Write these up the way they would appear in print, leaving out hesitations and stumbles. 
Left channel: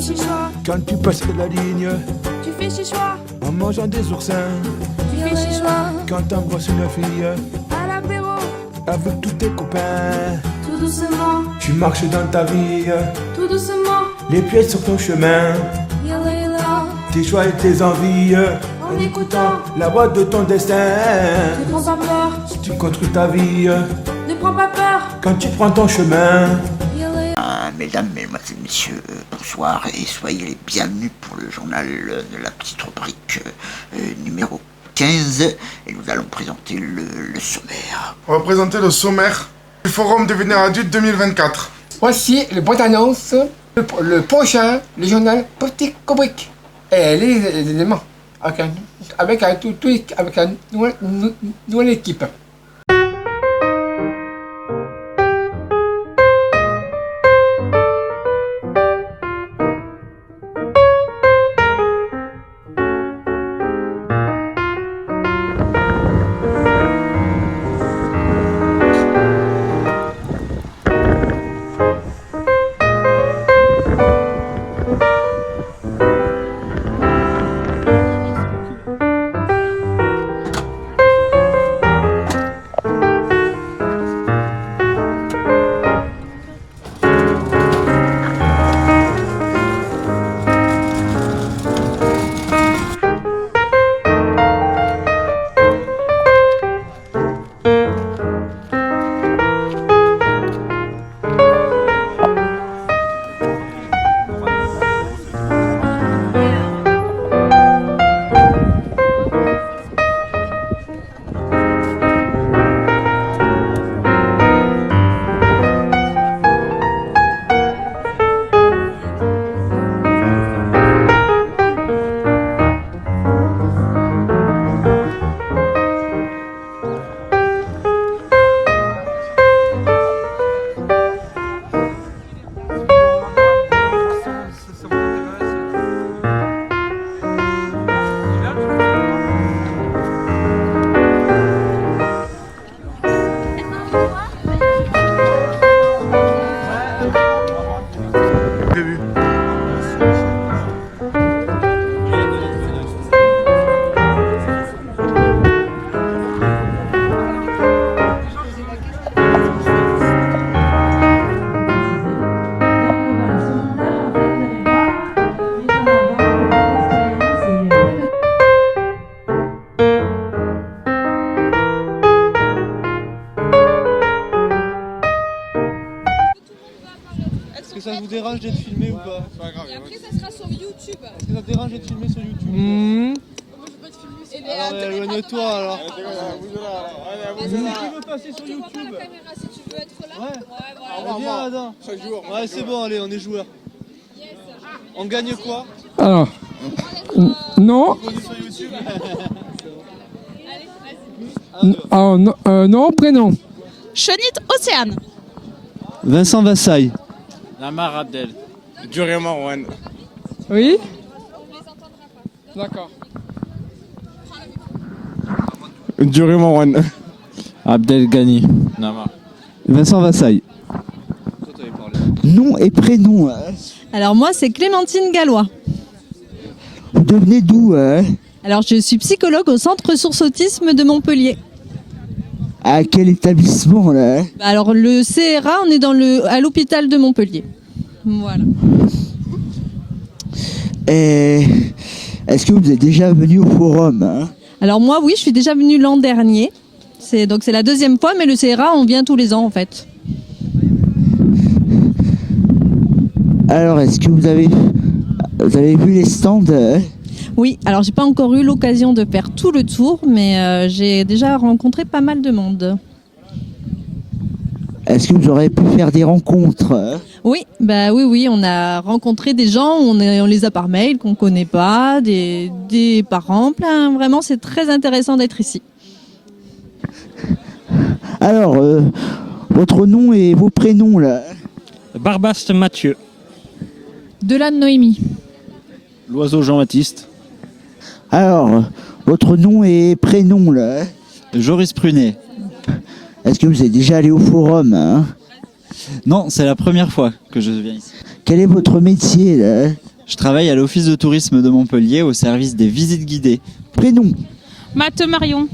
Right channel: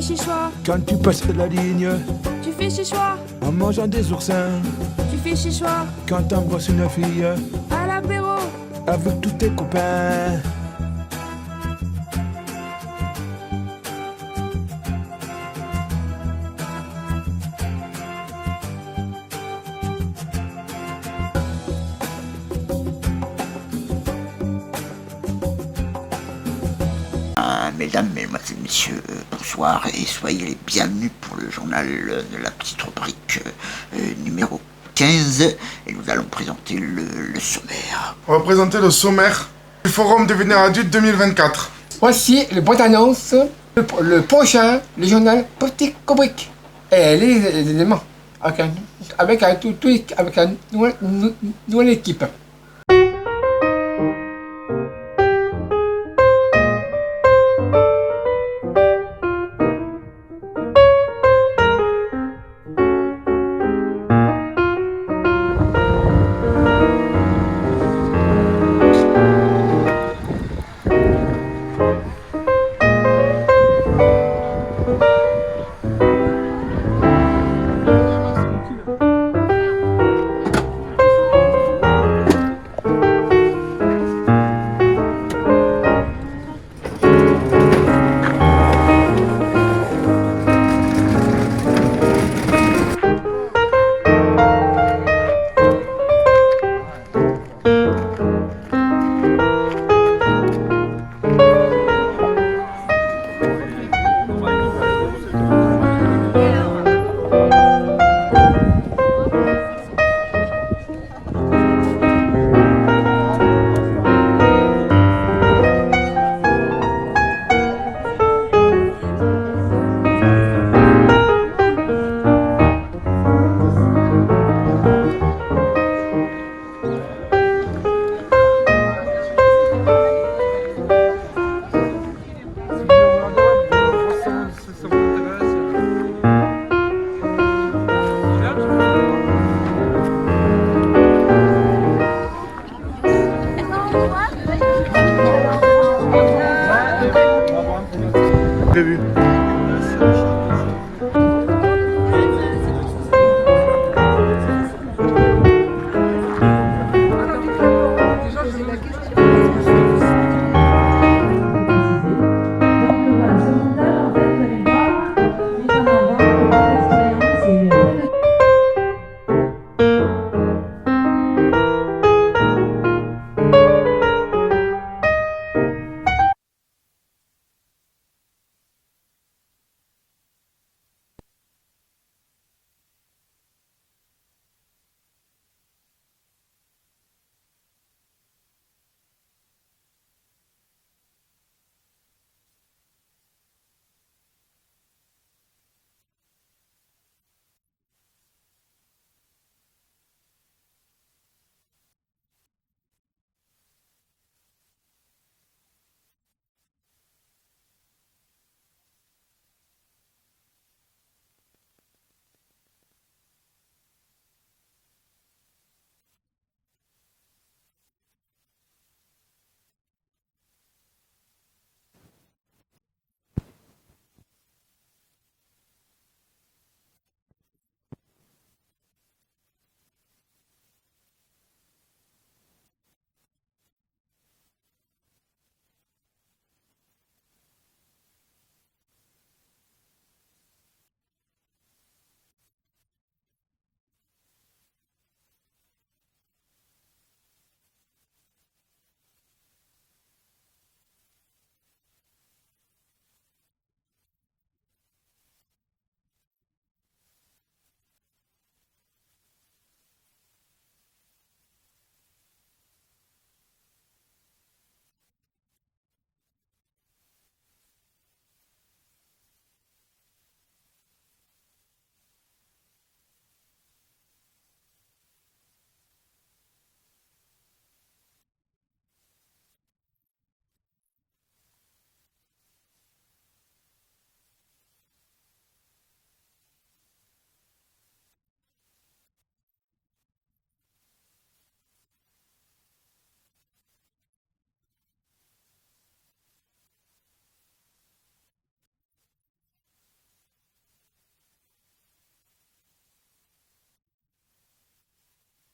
fais chichois. Quand tu passes la ligne, Tu fais chichois. en mangeant des oursins. Tu fais chichois. Quand t'embrasses une fille, À l'apéro. avec tous tes copains. Tout doucement. Tu marches dans ta vie, Tout doucement. les pieds sur ton chemin. Yalla yalla. Tes choix et tes envies, En écoutant. la voix de ton destin. Ne prends pas peur. Si tu construis ta vie, Ne prends pas peur. quand tu prends ton chemin. Yalla yalla. Mesdames, Mesdemoiselles, Messieurs, bonsoir et soyez les bienvenus pour le journal de la petite rubrique numéro 15 et nous allons présenter le sommaire. On va présenter le sommaire du Forum Devenir Adulte 2024. Voici le bonne annonce, le prochain, le journal Petite Rubrique. Et les éléments, avec une nouvelle équipe. Est-ce que ça vous dérange d'être filmé ou pas? C'est pas grave. Et après, ça sera sur YouTube. Est-ce que ça te dérange d'être filmé sur YouTube? Moi, je peux pas te filmer. Alors, éloigne-toi alors. Qui veut passer sur Tu vois pas YouTube? la caméra si tu veux être là? Ouais. Voilà. Viens, Adam. Ouais, c'est bon, allez, on est joueurs. On gagne quoi? Alors, non, On est sur YouTube. alors, non, prénom. Chenit Océane. Vincent Vassaille. Namar Abdel. Durian Marwan. Oui. D'accord. Durian Marwan. Abdel Ghani. Namar. Vincent Vassaille. Nom et prénom, Alors moi, c'est Clémentine Gallois. vous devenez d'où Alors je suis psychologue au Centre Ressources Autisme de Montpellier. À quel établissement là Alors le CRA, on est à l'hôpital de Montpellier. Voilà. Et est-ce que vous êtes déjà venu au forum Alors moi, oui, je suis déjà venue l'an dernier. C'est la deuxième fois, mais le CRA, on vient tous les ans en fait. Alors, est-ce que vous avez vu les stands Oui, alors j'ai pas encore eu l'occasion de faire tout le tour, mais j'ai déjà rencontré pas mal de monde. Est-ce que vous aurez pu faire des rencontres Oui, oui, on a rencontré des gens, on les a par mail, qu'on connaît pas, des parents, plein. Vraiment, c'est très intéressant d'être ici. Alors, votre nom et vos prénoms là Barbaste Mathieu. Delane Noémie. L'oiseau Jean-Baptiste. Alors, votre nom et prénom là Joris Prunet. Est-ce que vous êtes déjà allé au forum Non, c'est la première fois que je viens ici. Quel est votre métier là? Je travaille à l'office de tourisme de Montpellier au service des visites guidées. Prénom? Mathe Marion.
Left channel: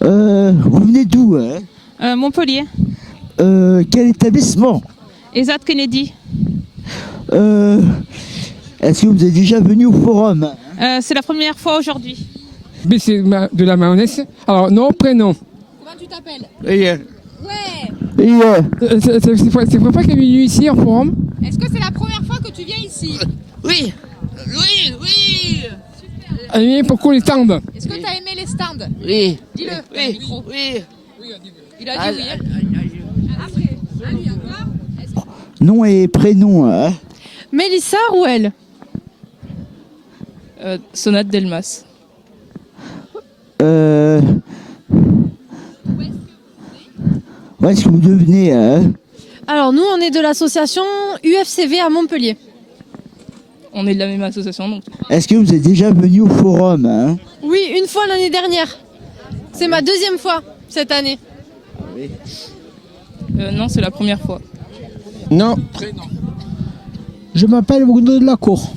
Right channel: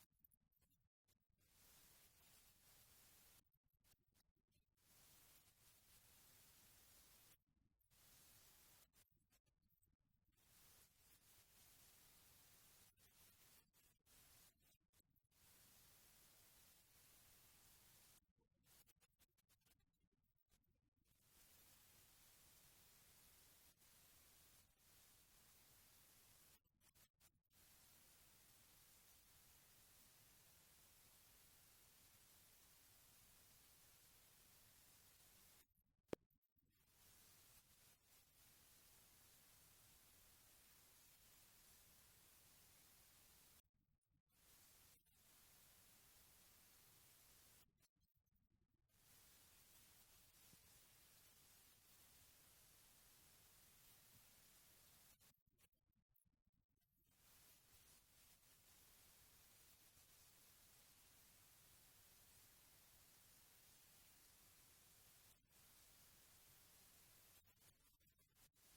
Vous venez d'où hein? Montpellier. Quel établissement? Esat Kennedy. Est-ce que vous êtes déjà venu au forum? C'est la première fois aujourd'hui. Mais c'est de la mayonnaise. Alors, nom, prénom. Comment tu t'appelles? Et, Ouais. c'est la première fois qu'elle est venue ici au forum. Est-ce que c'est la première fois que tu viens ici? Oui. Oui, oui. Elle vient pour qu'on les tende. Est-ce que tu as aimé les stands? Oui. Dis-le. Oui. Micro. Oui. Il a dit oui. Hein. Après, à lui encore. Nom et prénom hein? Mélissa Rouel. Sonate Delmas. Où est-ce que vous devenez hein? Alors nous, on est de l'association UFCV à Montpellier. On est de la même association donc. Est-ce que vous êtes déjà venu au forum hein? Oui, une fois l'année dernière. C'est ma deuxième fois cette année. Non, c'est la première fois. Non. Je m'appelle Bruno de la Cour.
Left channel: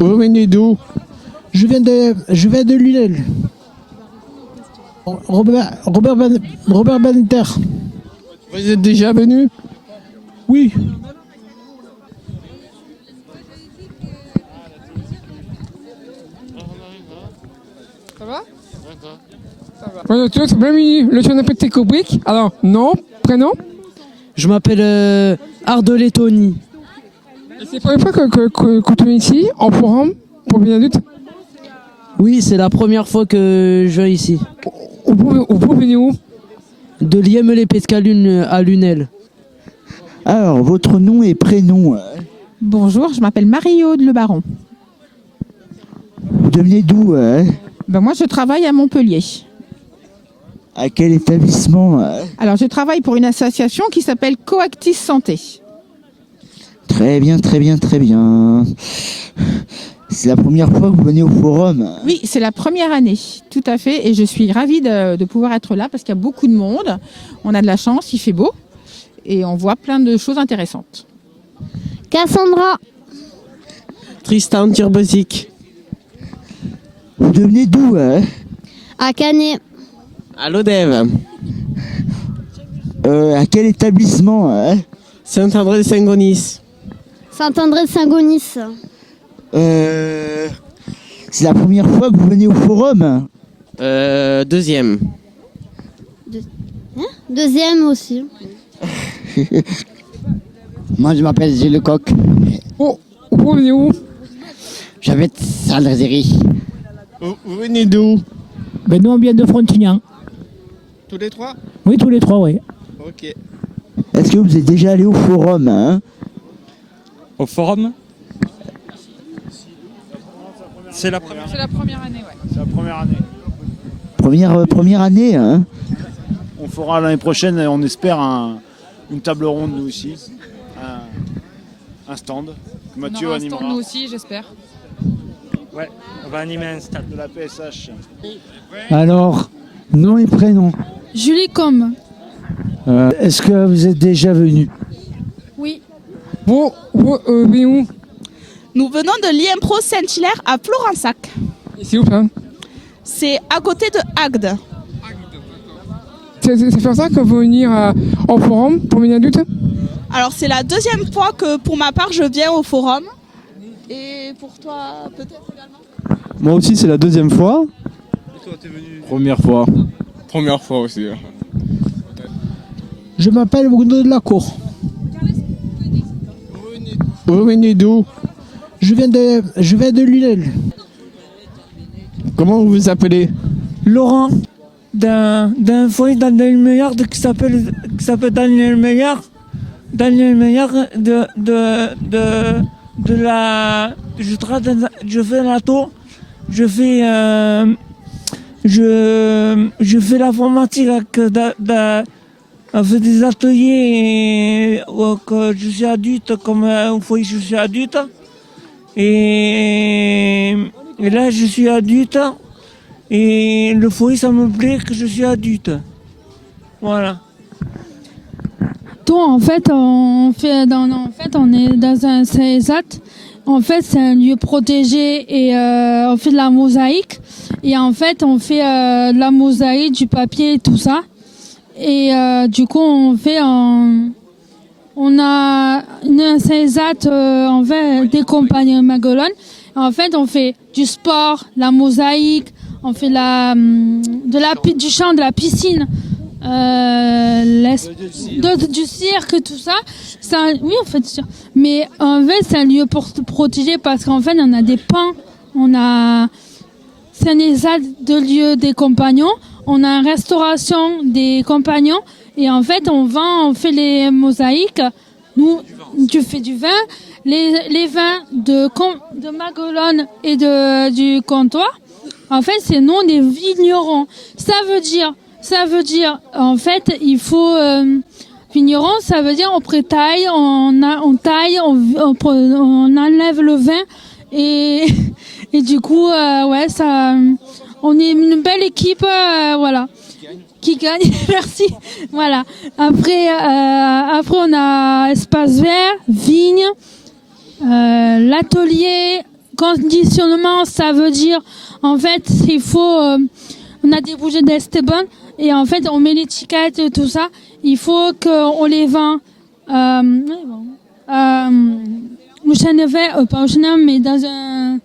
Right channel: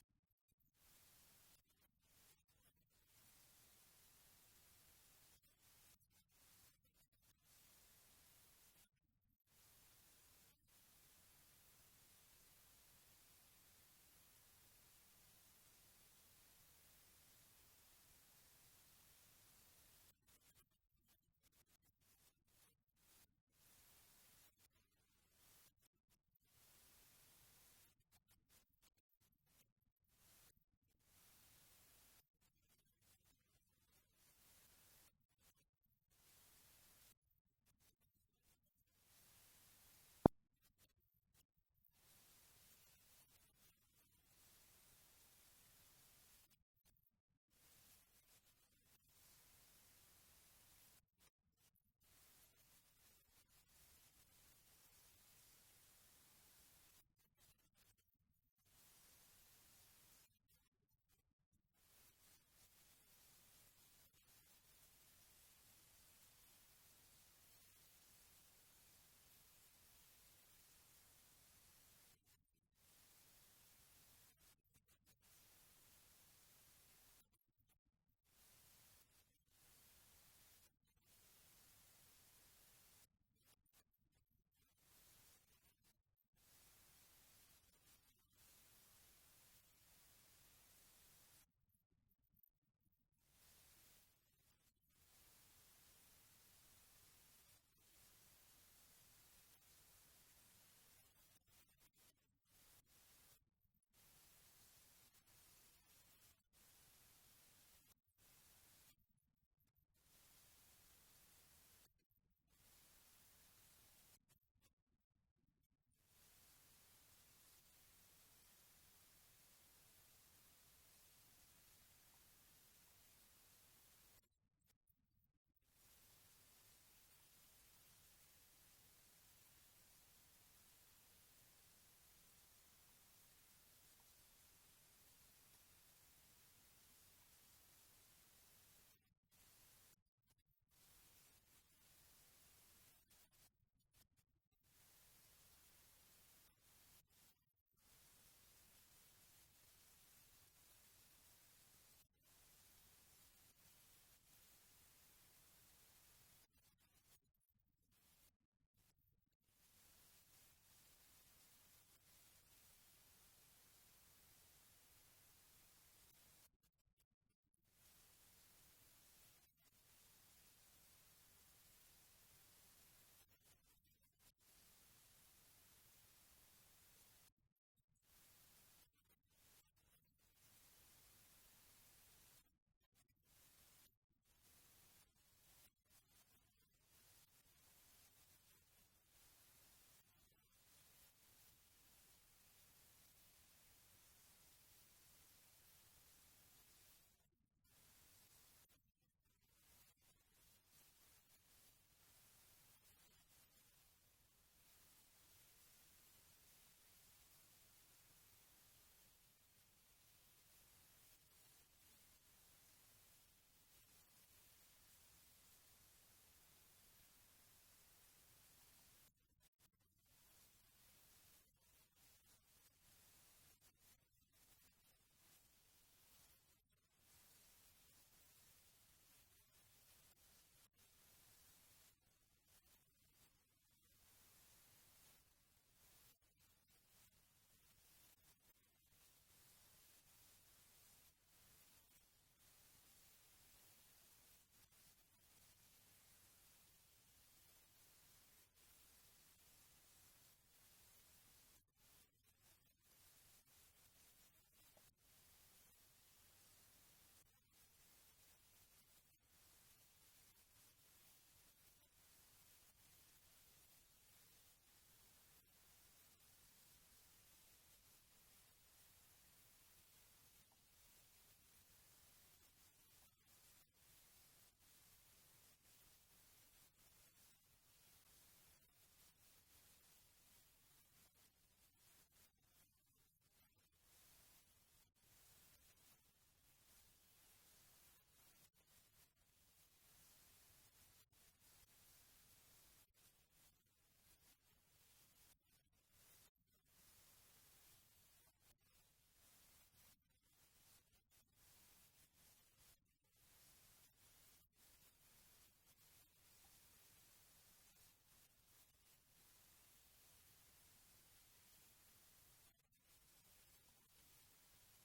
Vous venez d'où? Je viens de Lunel. Robert Banter. Vous êtes déjà venu? Oui. Ça va? Voilà, tu vois, bienvenue, le chien Petit Kubrick. Alors, nom, prénom? Je m'appelle Ardelé Tony. C'est la première fois que tu viens ici, en forum, pour bien adulte? Oui, c'est la première fois que je viens ici. Vous venez où? De Liemel-les-Pescalune à Lunel. Alors, votre nom et prénom hein? Bonjour, je m'appelle Marie-Aude Le Baron. Vous devenez d'où hein? Moi, je travaille à Montpellier. À quel établissement hein? Alors, je travaille pour une association qui s'appelle Coactis Santé. Très bien, très bien, très bien. C'est la première fois que vous venez au forum hein? Oui, c'est la première année, tout à fait. Et je suis ravie de pouvoir être là parce qu'il y a beaucoup de monde. On a de la chance, il fait beau. Et on voit plein de choses intéressantes. Cassandra. Tristan Turbosic. Vous devenez d'où hein? À Canet. À l'Odève. À quel établissement hein? Saint-André-de-Saint-Gonis. Saint-André-de-Saint-Gonis. C'est la première fois que vous venez au forum? Deuxième. Deuxième aussi. Moi, je m'appelle Gilles Lecoq. Oh, vous venez où? J'habite Saint-Lazéry. Vous venez d'où? Nous, on vient de Frontignan. Tous les trois? Oui, tous les trois, oui. Ok. Est-ce que vous êtes déjà allé au forum hein? Au forum? C'est la première. C'est la première année, ouais. C'est la première année. Première année hein? On fera l'année prochaine, on espère, une table ronde nous aussi. Un stand que Mathieu animera. Nous aussi, j'espère. Ouais, on va animer un stade. De la PSH. Alors, nom et prénom. Julie Com. Est-ce que vous êtes déjà venu? Oui. Vous venez où? Nous venons de l'IMPRO Saint-Hilaire à Florensac. C'est où ça? C'est à côté de Agde. C'est pour ça que vous venez au forum pour venir adulte? Alors c'est la deuxième fois que pour ma part je viens au forum. Et pour toi peut-être également? Moi aussi, c'est la deuxième fois. Et toi, t'es venu? Première fois. Première fois aussi. Je m'appelle Bruno de la Cour. Vous venez d'où? Je viens de Lunel. Comment vous vous appelez? Laurent, d'un foyer dans le meilleur qui s'appelle Daniel Meyer. Daniel Meyer de la. Je fais la tour. Je fais l'informatique on fait des ateliers que je suis adulte, comme un foyer je suis adulte. Et là je suis adulte. Et le foyer ça me plaît que je suis adulte. Voilà. Donc en fait, on est dans un CESAT. En fait, c'est un lieu protégé et on fait de la mosaïque. Et en fait, on fait de la mosaïque, du papier et tout ça. Et du coup, on a un CESAT en fait des compagnies Maguelone. En fait, on fait du sport, la mosaïque, on fait du chant, de la piscine. Du cirque, tout ça. Oui, en fait, sûr. Mais en fait, c'est un lieu protégé parce qu'en fait, on a des pans. C'est un ESAT de lieu des compagnons. On a une restauration des compagnons. Et en fait, on fait les mosaïques. Nous, tu fais du vin. Les vins de Maguelone et du comptoir. En fait, c'est nous des vignerons. Ça veut dire, en fait, il faut vigneron, ça veut dire on prétaille, on taille, on enlève le vin et du coup, on est une belle équipe, voilà, qui gagne. Merci. Voilà. Après, on a espace vert, vigne, l'atelier, conditionnement, ça veut dire, en fait, il faut, on a des bougies d'Esteban. Et en fait, on met l'étiquette et tout ça. Il faut qu'on les vend au Chenevet, pas au Chenevet, mais dans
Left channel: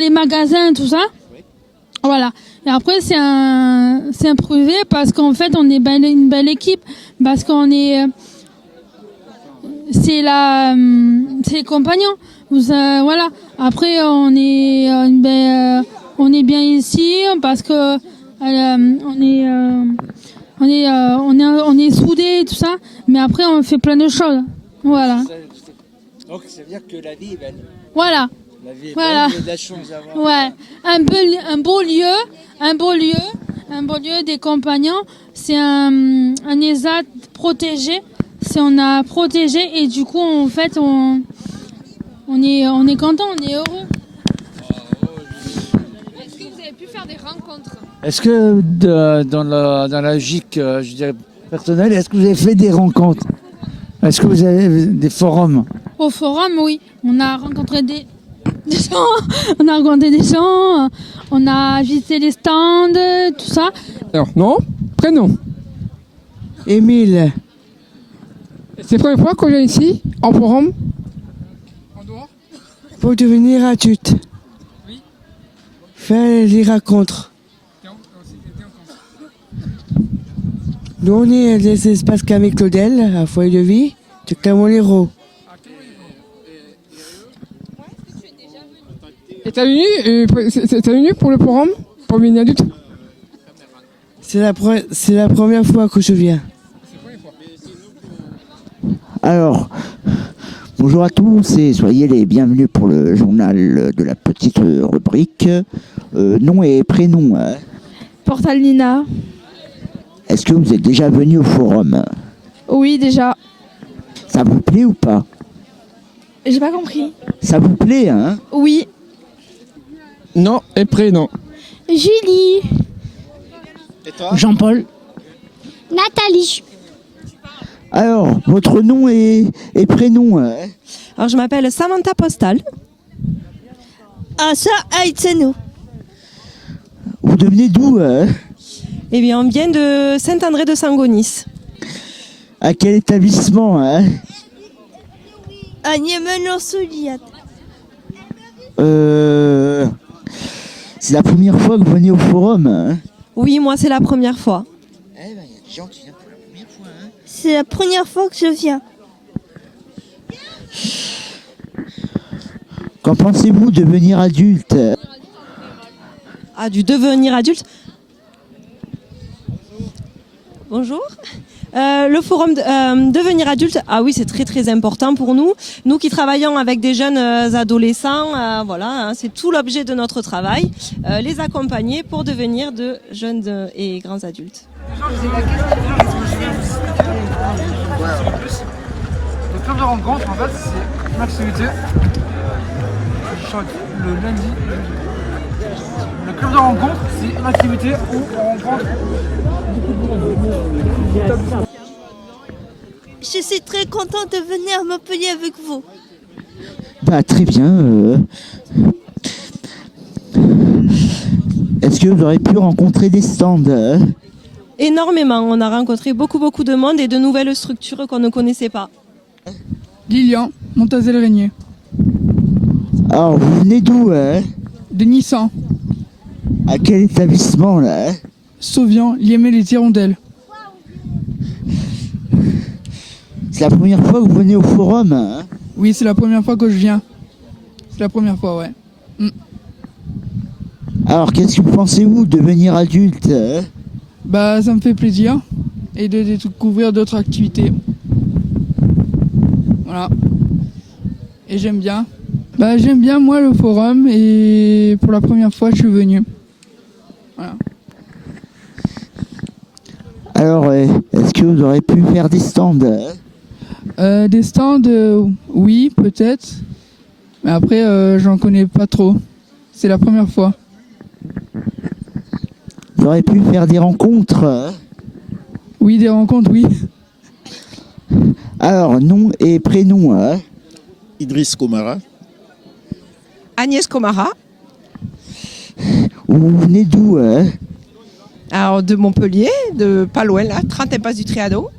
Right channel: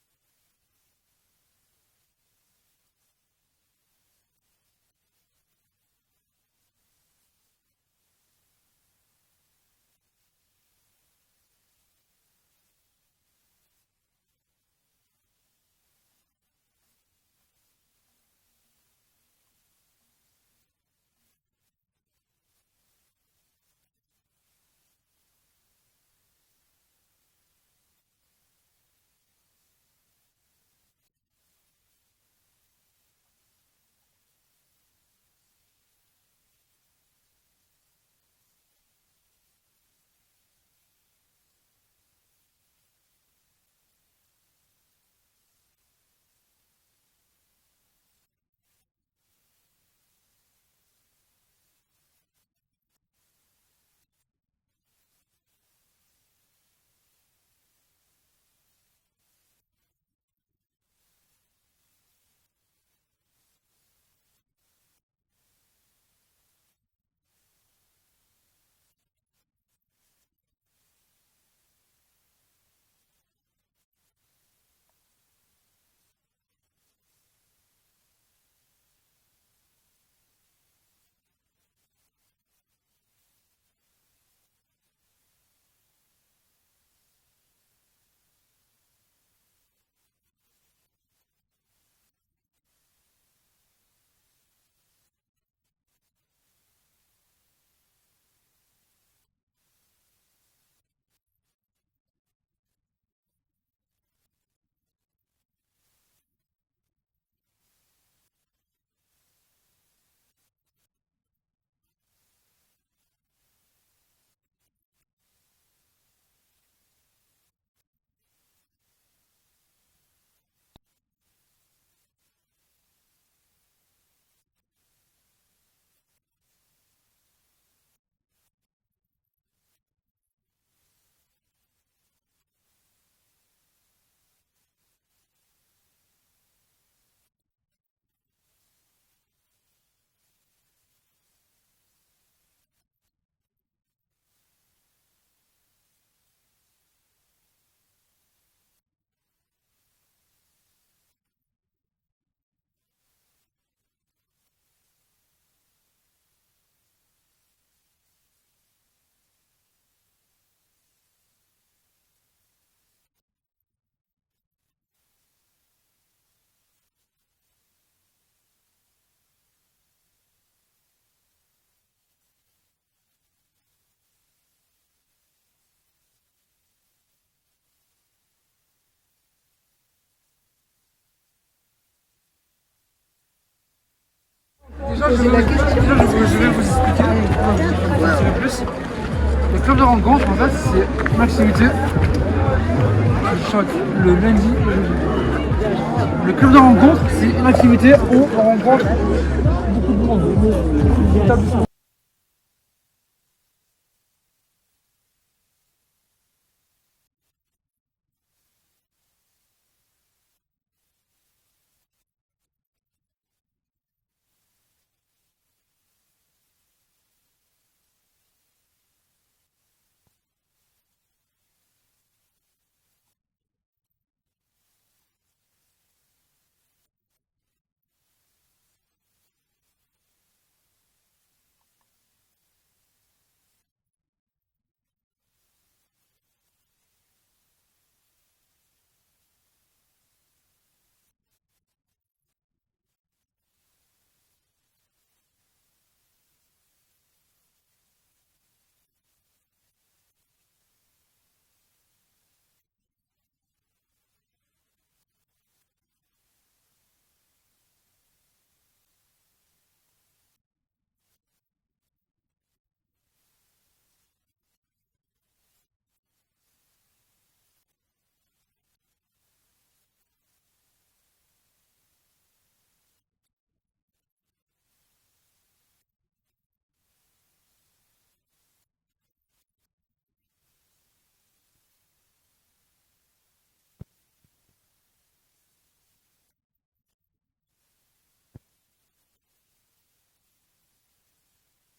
les magasins et tout ça. Voilà. Et après, c'est un privé parce qu'en fait, on est une belle équipe. Parce qu'on est... c'est les compagnons. Voilà. Après, on est bien ici parce que on est soudés et tout ça, mais après on fait plein de choses. Voilà. Donc ça veut dire que la vie est belle. Voilà. La vie est voilà. belle, il y a de la chance à avoir. Ouais. Un beau lieu des compagnons. C'est un ESAT protégé. On a protégé et du coup en fait on est content, on est heureux. Est-ce que vous avez pu faire des rencontres? Est-ce que dans la logique, je dirais, personnelle, est-ce que vous avez fait des rencontres? Est-ce que vous avez des forums? Au forum, oui. On a rencontré des gens, on a rencontré des gens, on a visité les stands, tout ça. Alors, nom, prénom. Émile. C'est la première fois qu'on vient ici, en forum? Pour devenir adulte. Oui. Faire les rencontres. Nous, on est des espaces Camille Claudel, à Foyer de Vie, de Camolero. Et t'as venu pour le forum, pour devenir adulte? C'est la première fois que je viens. Alors, bonjour à tous et soyez les bienvenus pour le journal de la petite rubrique. Nom et prénom. Hein. Portal Nina. Est-ce que vous êtes déjà venu au forum? Oui, déjà. Ça vous plaît ou pas? J'ai pas compris. Ça vous plaît, hein? Oui. Nom et prénom. Julie. Et toi? Jean-Paul. Nathalie. Alors, votre nom et prénom? Hein? Alors, je m'appelle Samantha Postal. Asa Aitseno. Vous devenez d'où? Hein? Eh bien, on vient de Saint-André de Sangonis. À quel établissement? Hein? À Niemen-sur-Soliat. C'est la première fois que vous venez au forum? Hein? Oui, moi, c'est la première fois. Eh ben, il y a des gens qui viennent pour la première fois. Hein? C'est la première fois que je viens. Qu'en pensez-vous de devenir adulte? Ah, du devenir adulte? Bonjour. Le forum devenir adulte, ah oui, c'est très très important pour nous. Nous qui travaillons avec des jeunes adolescents, voilà, hein, c'est tout l'objet de notre travail, les accompagner pour devenir de jeunes et grands adultes. Je vais vous expliquer le club de rencontre, en fait, c'est une activité qui change le lundi et le jeudi. Le club de rencontre, c'est une activité où on rencontre beaucoup de monde. L'établissement. Je suis très contente de venir à Montpellier avec vous. Bah très bien. Est-ce que vous aurez pu rencontrer des stands Énormément. On a rencontré beaucoup de monde et de nouvelles structures qu'on ne connaissait pas. Lilian, Montazel-Régnier. Alors, vous venez d'où De Nissan. À quel établissement là Sauvian, Liémé les Hirondelles. C'est la première fois que vous venez au forum Oui, c'est la première fois que je viens. C'est la première fois, ouais. Alors, qu'est-ce que vous pensez-vous de devenir adulte Bah, ça me fait plaisir. Et de découvrir d'autres activités. Voilà. Et j'aime bien. Bah, j'aime bien, moi, le forum. Et pour la première fois, je suis venu. Voilà. Alors, est-ce que vous aurez pu faire des stands Des stands, oui, peut-être. Mais après, j'en connais pas trop. C'est la première fois. Vous aurez pu faire des rencontres Oui, des rencontres, oui. Alors, nom et prénom Idriss Komara. Agnès Komara. Vous venez d'où Alors, de Montpellier, de pas loin, là, 30 impasse du Triado.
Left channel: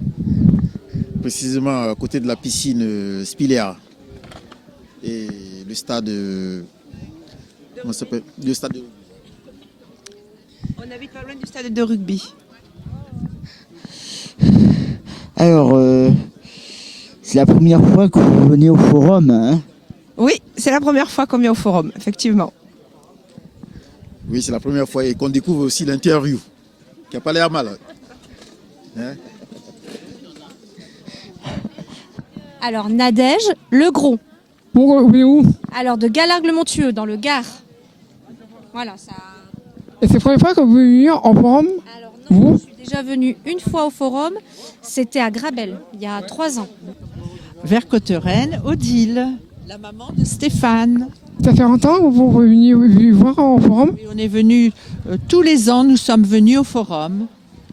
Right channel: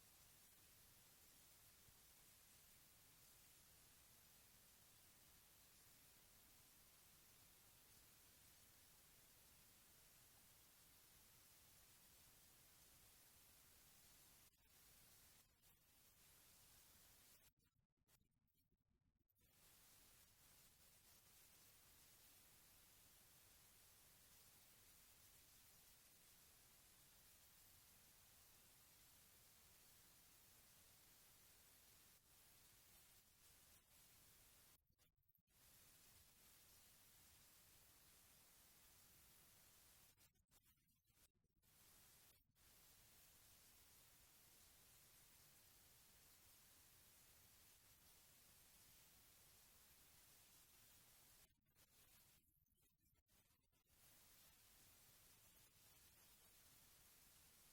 Précisément à côté de la piscine Spilea. Et le stade. Comment ça s'appelle? Le stade de... On habite pas loin du stade de rugby. Alors, c'est la première fois que vous venez au forum Oui, c'est la première fois qu'on vient au forum, effectivement. Oui, c'est la première fois et qu'on découvre aussi l'interview, qui n'a pas l'air mal. Hein? Alors, Nadège, Le Gros. Vous venez où? Alors, de Galargues-le-Montueux, dans le Gard. Voilà, ça... Et c'est la première fois que vous venez en forum? Alors non, je suis déjà venue une fois au forum. C'était à Grabel, il y a 3 ans. Vers Cotterêne, Odile, la maman de Stéphane. Ça fait longtemps que vous venez voir en forum? Et on est venus tous les ans, nous sommes venus au forum.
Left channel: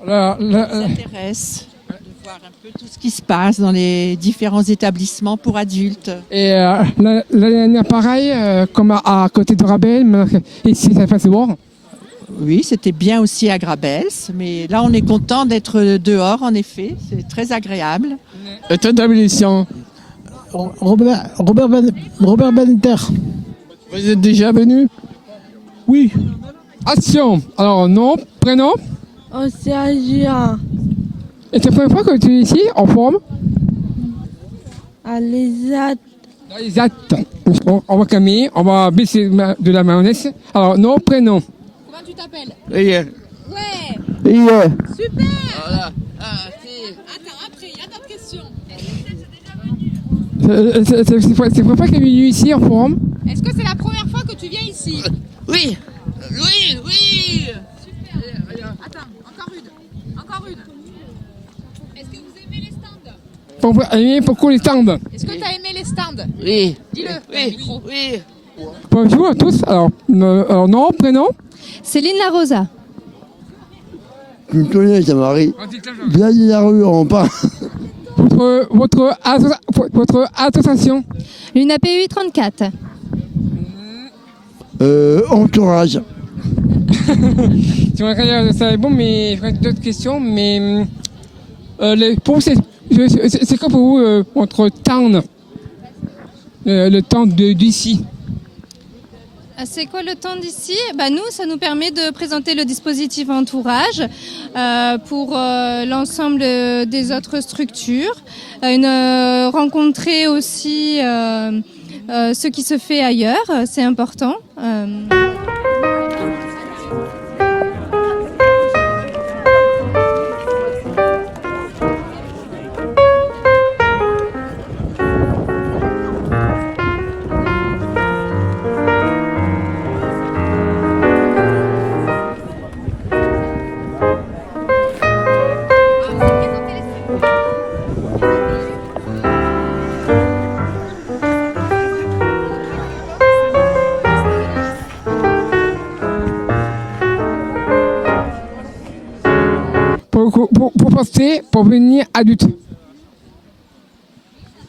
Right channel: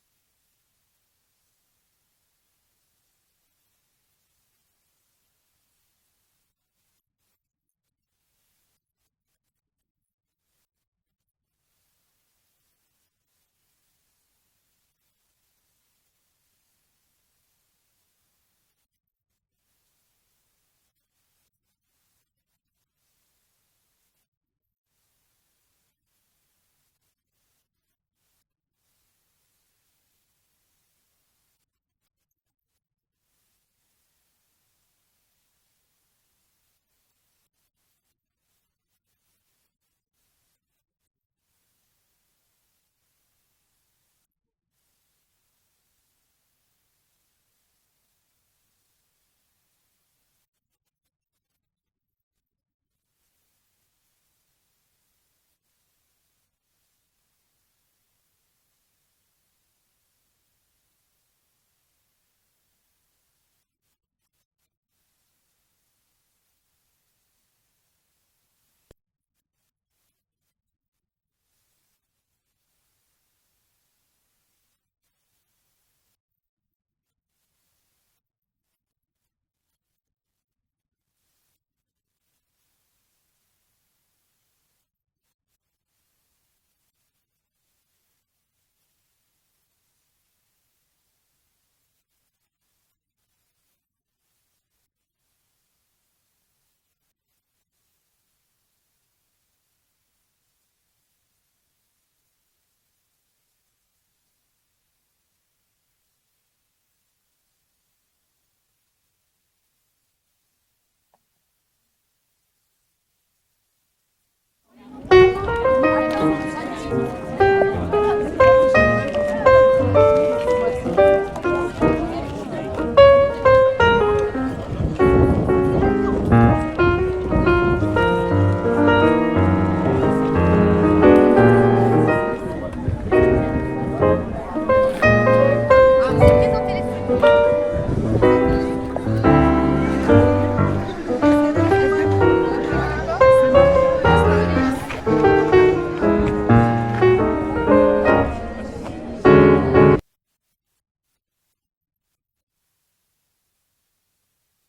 Ça nous intéresse de voir un peu tout ce qui se passe dans les différents établissements pour adultes. Et l'année dernière, pareil, comme à côté de Grabel, mais ici, ça fait voir. Oui, c'était bien aussi à Grabels, mais là on est content d'être dehors en effet, c'est très agréable. Établissement. Robert Benter. Vous êtes déjà venu? Oui. Action. Alors, nom, prénom? Océania. Et c'est la première fois que tu es ici, en forum? À l'ESAT. L'ESAT. On va Camille, on va baisser de la mayonnaise. Alors, nom, prénom? Comment tu t'appelles? Yeah. Ouais. Yeah. Super. Voilà. Attends, après, il y a d'autres questions. C'est la première fois que tu es venu ici, en forum? Est-ce que c'est la première fois que tu viens ici? Oui. Oui, oui. Super. Attends, encore une. Est-ce que vous aimez les stands? Pourquoi les stands? Est-ce que tu as aimé les stands? Oui. Dis-le. Oui, oui. Bonjour à tous. Alors nom, prénom? Céline La Rosa. Tu me connais, ça Marie. Viens de la rue, on parle. Votre association? L'UNAP 834. Entourage. Ça est bon, mais il reste d'autres questions. Mais pour vous, c'est quoi pour vous votre temps, le temps d'ici? C'est quoi le temps d'ici? Nous, ça nous permet de présenter le dispositif entourage pour l'ensemble des autres structures. Rencontrer aussi ce qui se fait ailleurs, c'est important.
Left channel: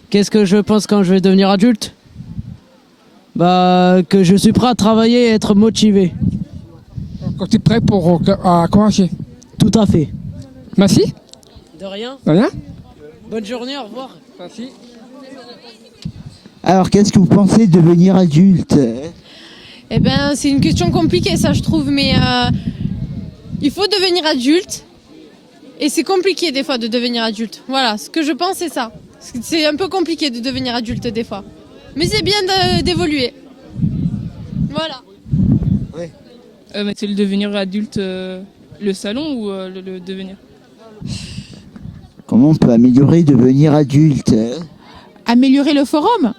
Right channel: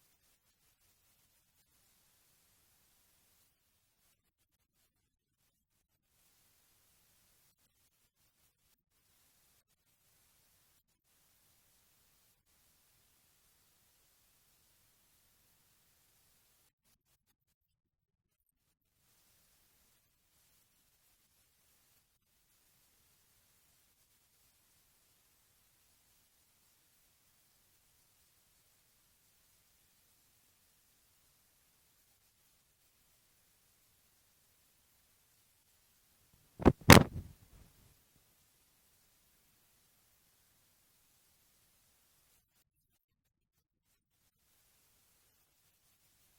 Qu'est-ce que je pense quand je vais devenir adulte? Bah, que je suis prêt à travailler et être motivé. Quand tu es prêt pour encourager. Tout à fait. Merci. De rien. De rien. Bonne journée, au revoir. Merci. Alors, qu'est-ce que vous pensez de devenir adulte? Eh ben, c'est une question compliquée, ça, je trouve, mais il faut devenir adulte. Et c'est compliqué, des fois, de devenir adulte. Voilà, ce que je pense, c'est ça. C'est un peu compliqué de devenir adulte, des fois. Mais c'est bien d'évoluer. Voilà. C'est le devenir adulte, le salon ou le devenir? Comment on peut améliorer devenir adulte? Améliorer le forum?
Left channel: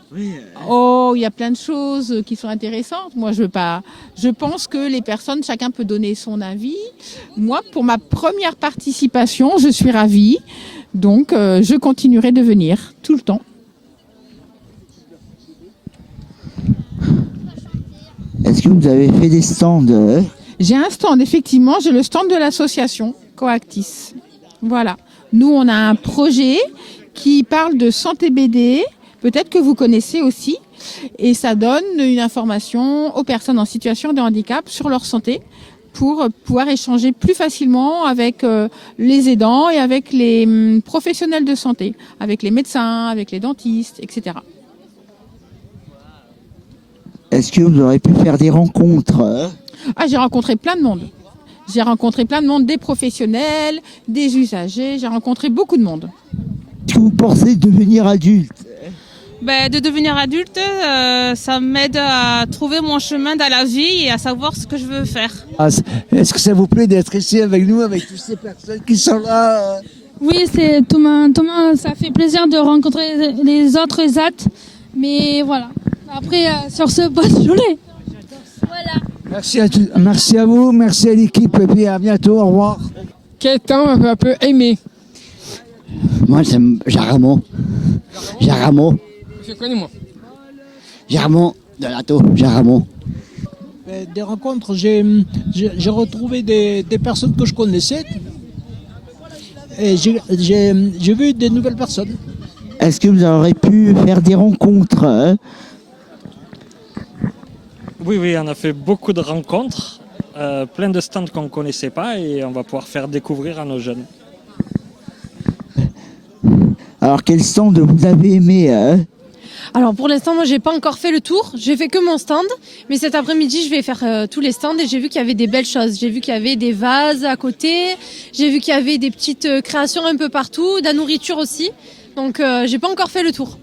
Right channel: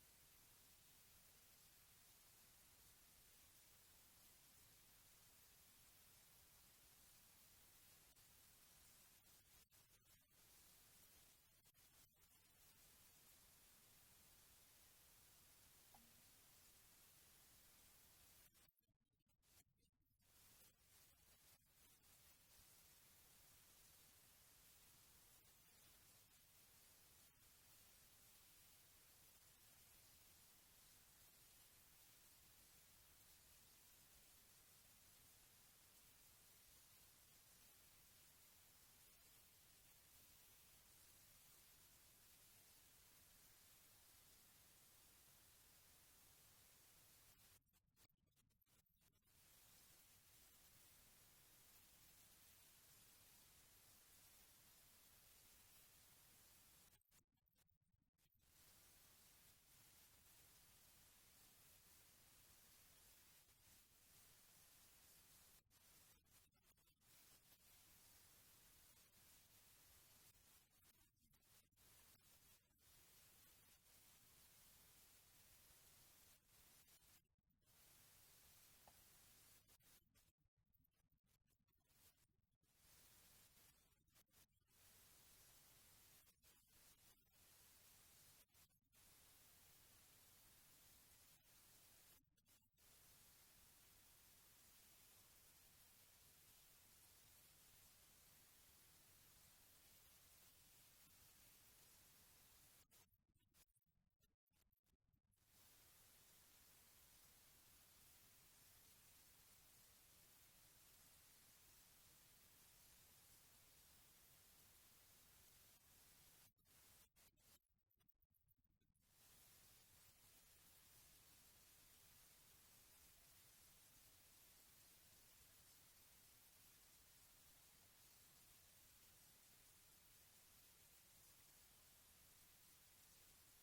Oh, il y a plein de choses qui sont intéressantes. Moi, je pense que les personnes, chacun peut donner son avis. Moi, pour ma première participation, je suis ravie. Donc, je continuerai de venir tout le temps. Est-ce que vous avez fait des stands? J'ai un stand, effectivement. J'ai le stand de l'association Coactis. Voilà. Nous, on a un projet qui parle de santé BD, peut-être que vous connaissez aussi, et ça donne une information aux personnes en situation de handicap sur leur santé pour pouvoir échanger plus facilement avec les aidants et avec les professionnels de santé, avec les médecins, avec les dentistes, etc. Est-ce que vous aurez pu faire des rencontres? J'ai rencontré plein de monde. J'ai rencontré plein de monde, des professionnels, des usagers, j'ai rencontré beaucoup de monde. Est-ce que vous pensez devenir adulte? De devenir adulte, ça m'aide à trouver mon chemin dans la vie et à savoir ce que je veux faire. Est-ce que ça vous plaît d'être ici avec nous, avec toutes ces personnes qui sont là? Oui, c'est Thomas, ça fait plaisir de rencontrer les autres ZAT. Mais voilà. Après, sur ce, bonne journée. Voilà. Merci à vous, merci à l'équipe et puis à bientôt, au revoir. Quel temps un peu aimé? Moi, c'est Jaramo. Je connais moi. Jaramo, de l'Ato, Jaramo. Des rencontres, j'ai retrouvé des personnes que je connaissais et j'ai vu des nouvelles personnes. Est-ce que vous aurez pu faire des rencontres? Oui, on a fait beaucoup de rencontres, plein de stands qu'on ne connaissait pas et on va pouvoir faire découvrir à nos jeunes. Alors, quel stand vous avez aimé? Alors pour l'instant, moi j'ai pas encore fait le tour, j'ai fait que mon stand, mais cet après-midi je vais faire tous les stands et j'ai vu qu'il y avait des belles choses. J'ai vu qu'il y avait des vases à côté, j'ai vu qu'il y avait des petites créations un peu partout, de la nourriture aussi, donc j'ai pas encore fait le tour.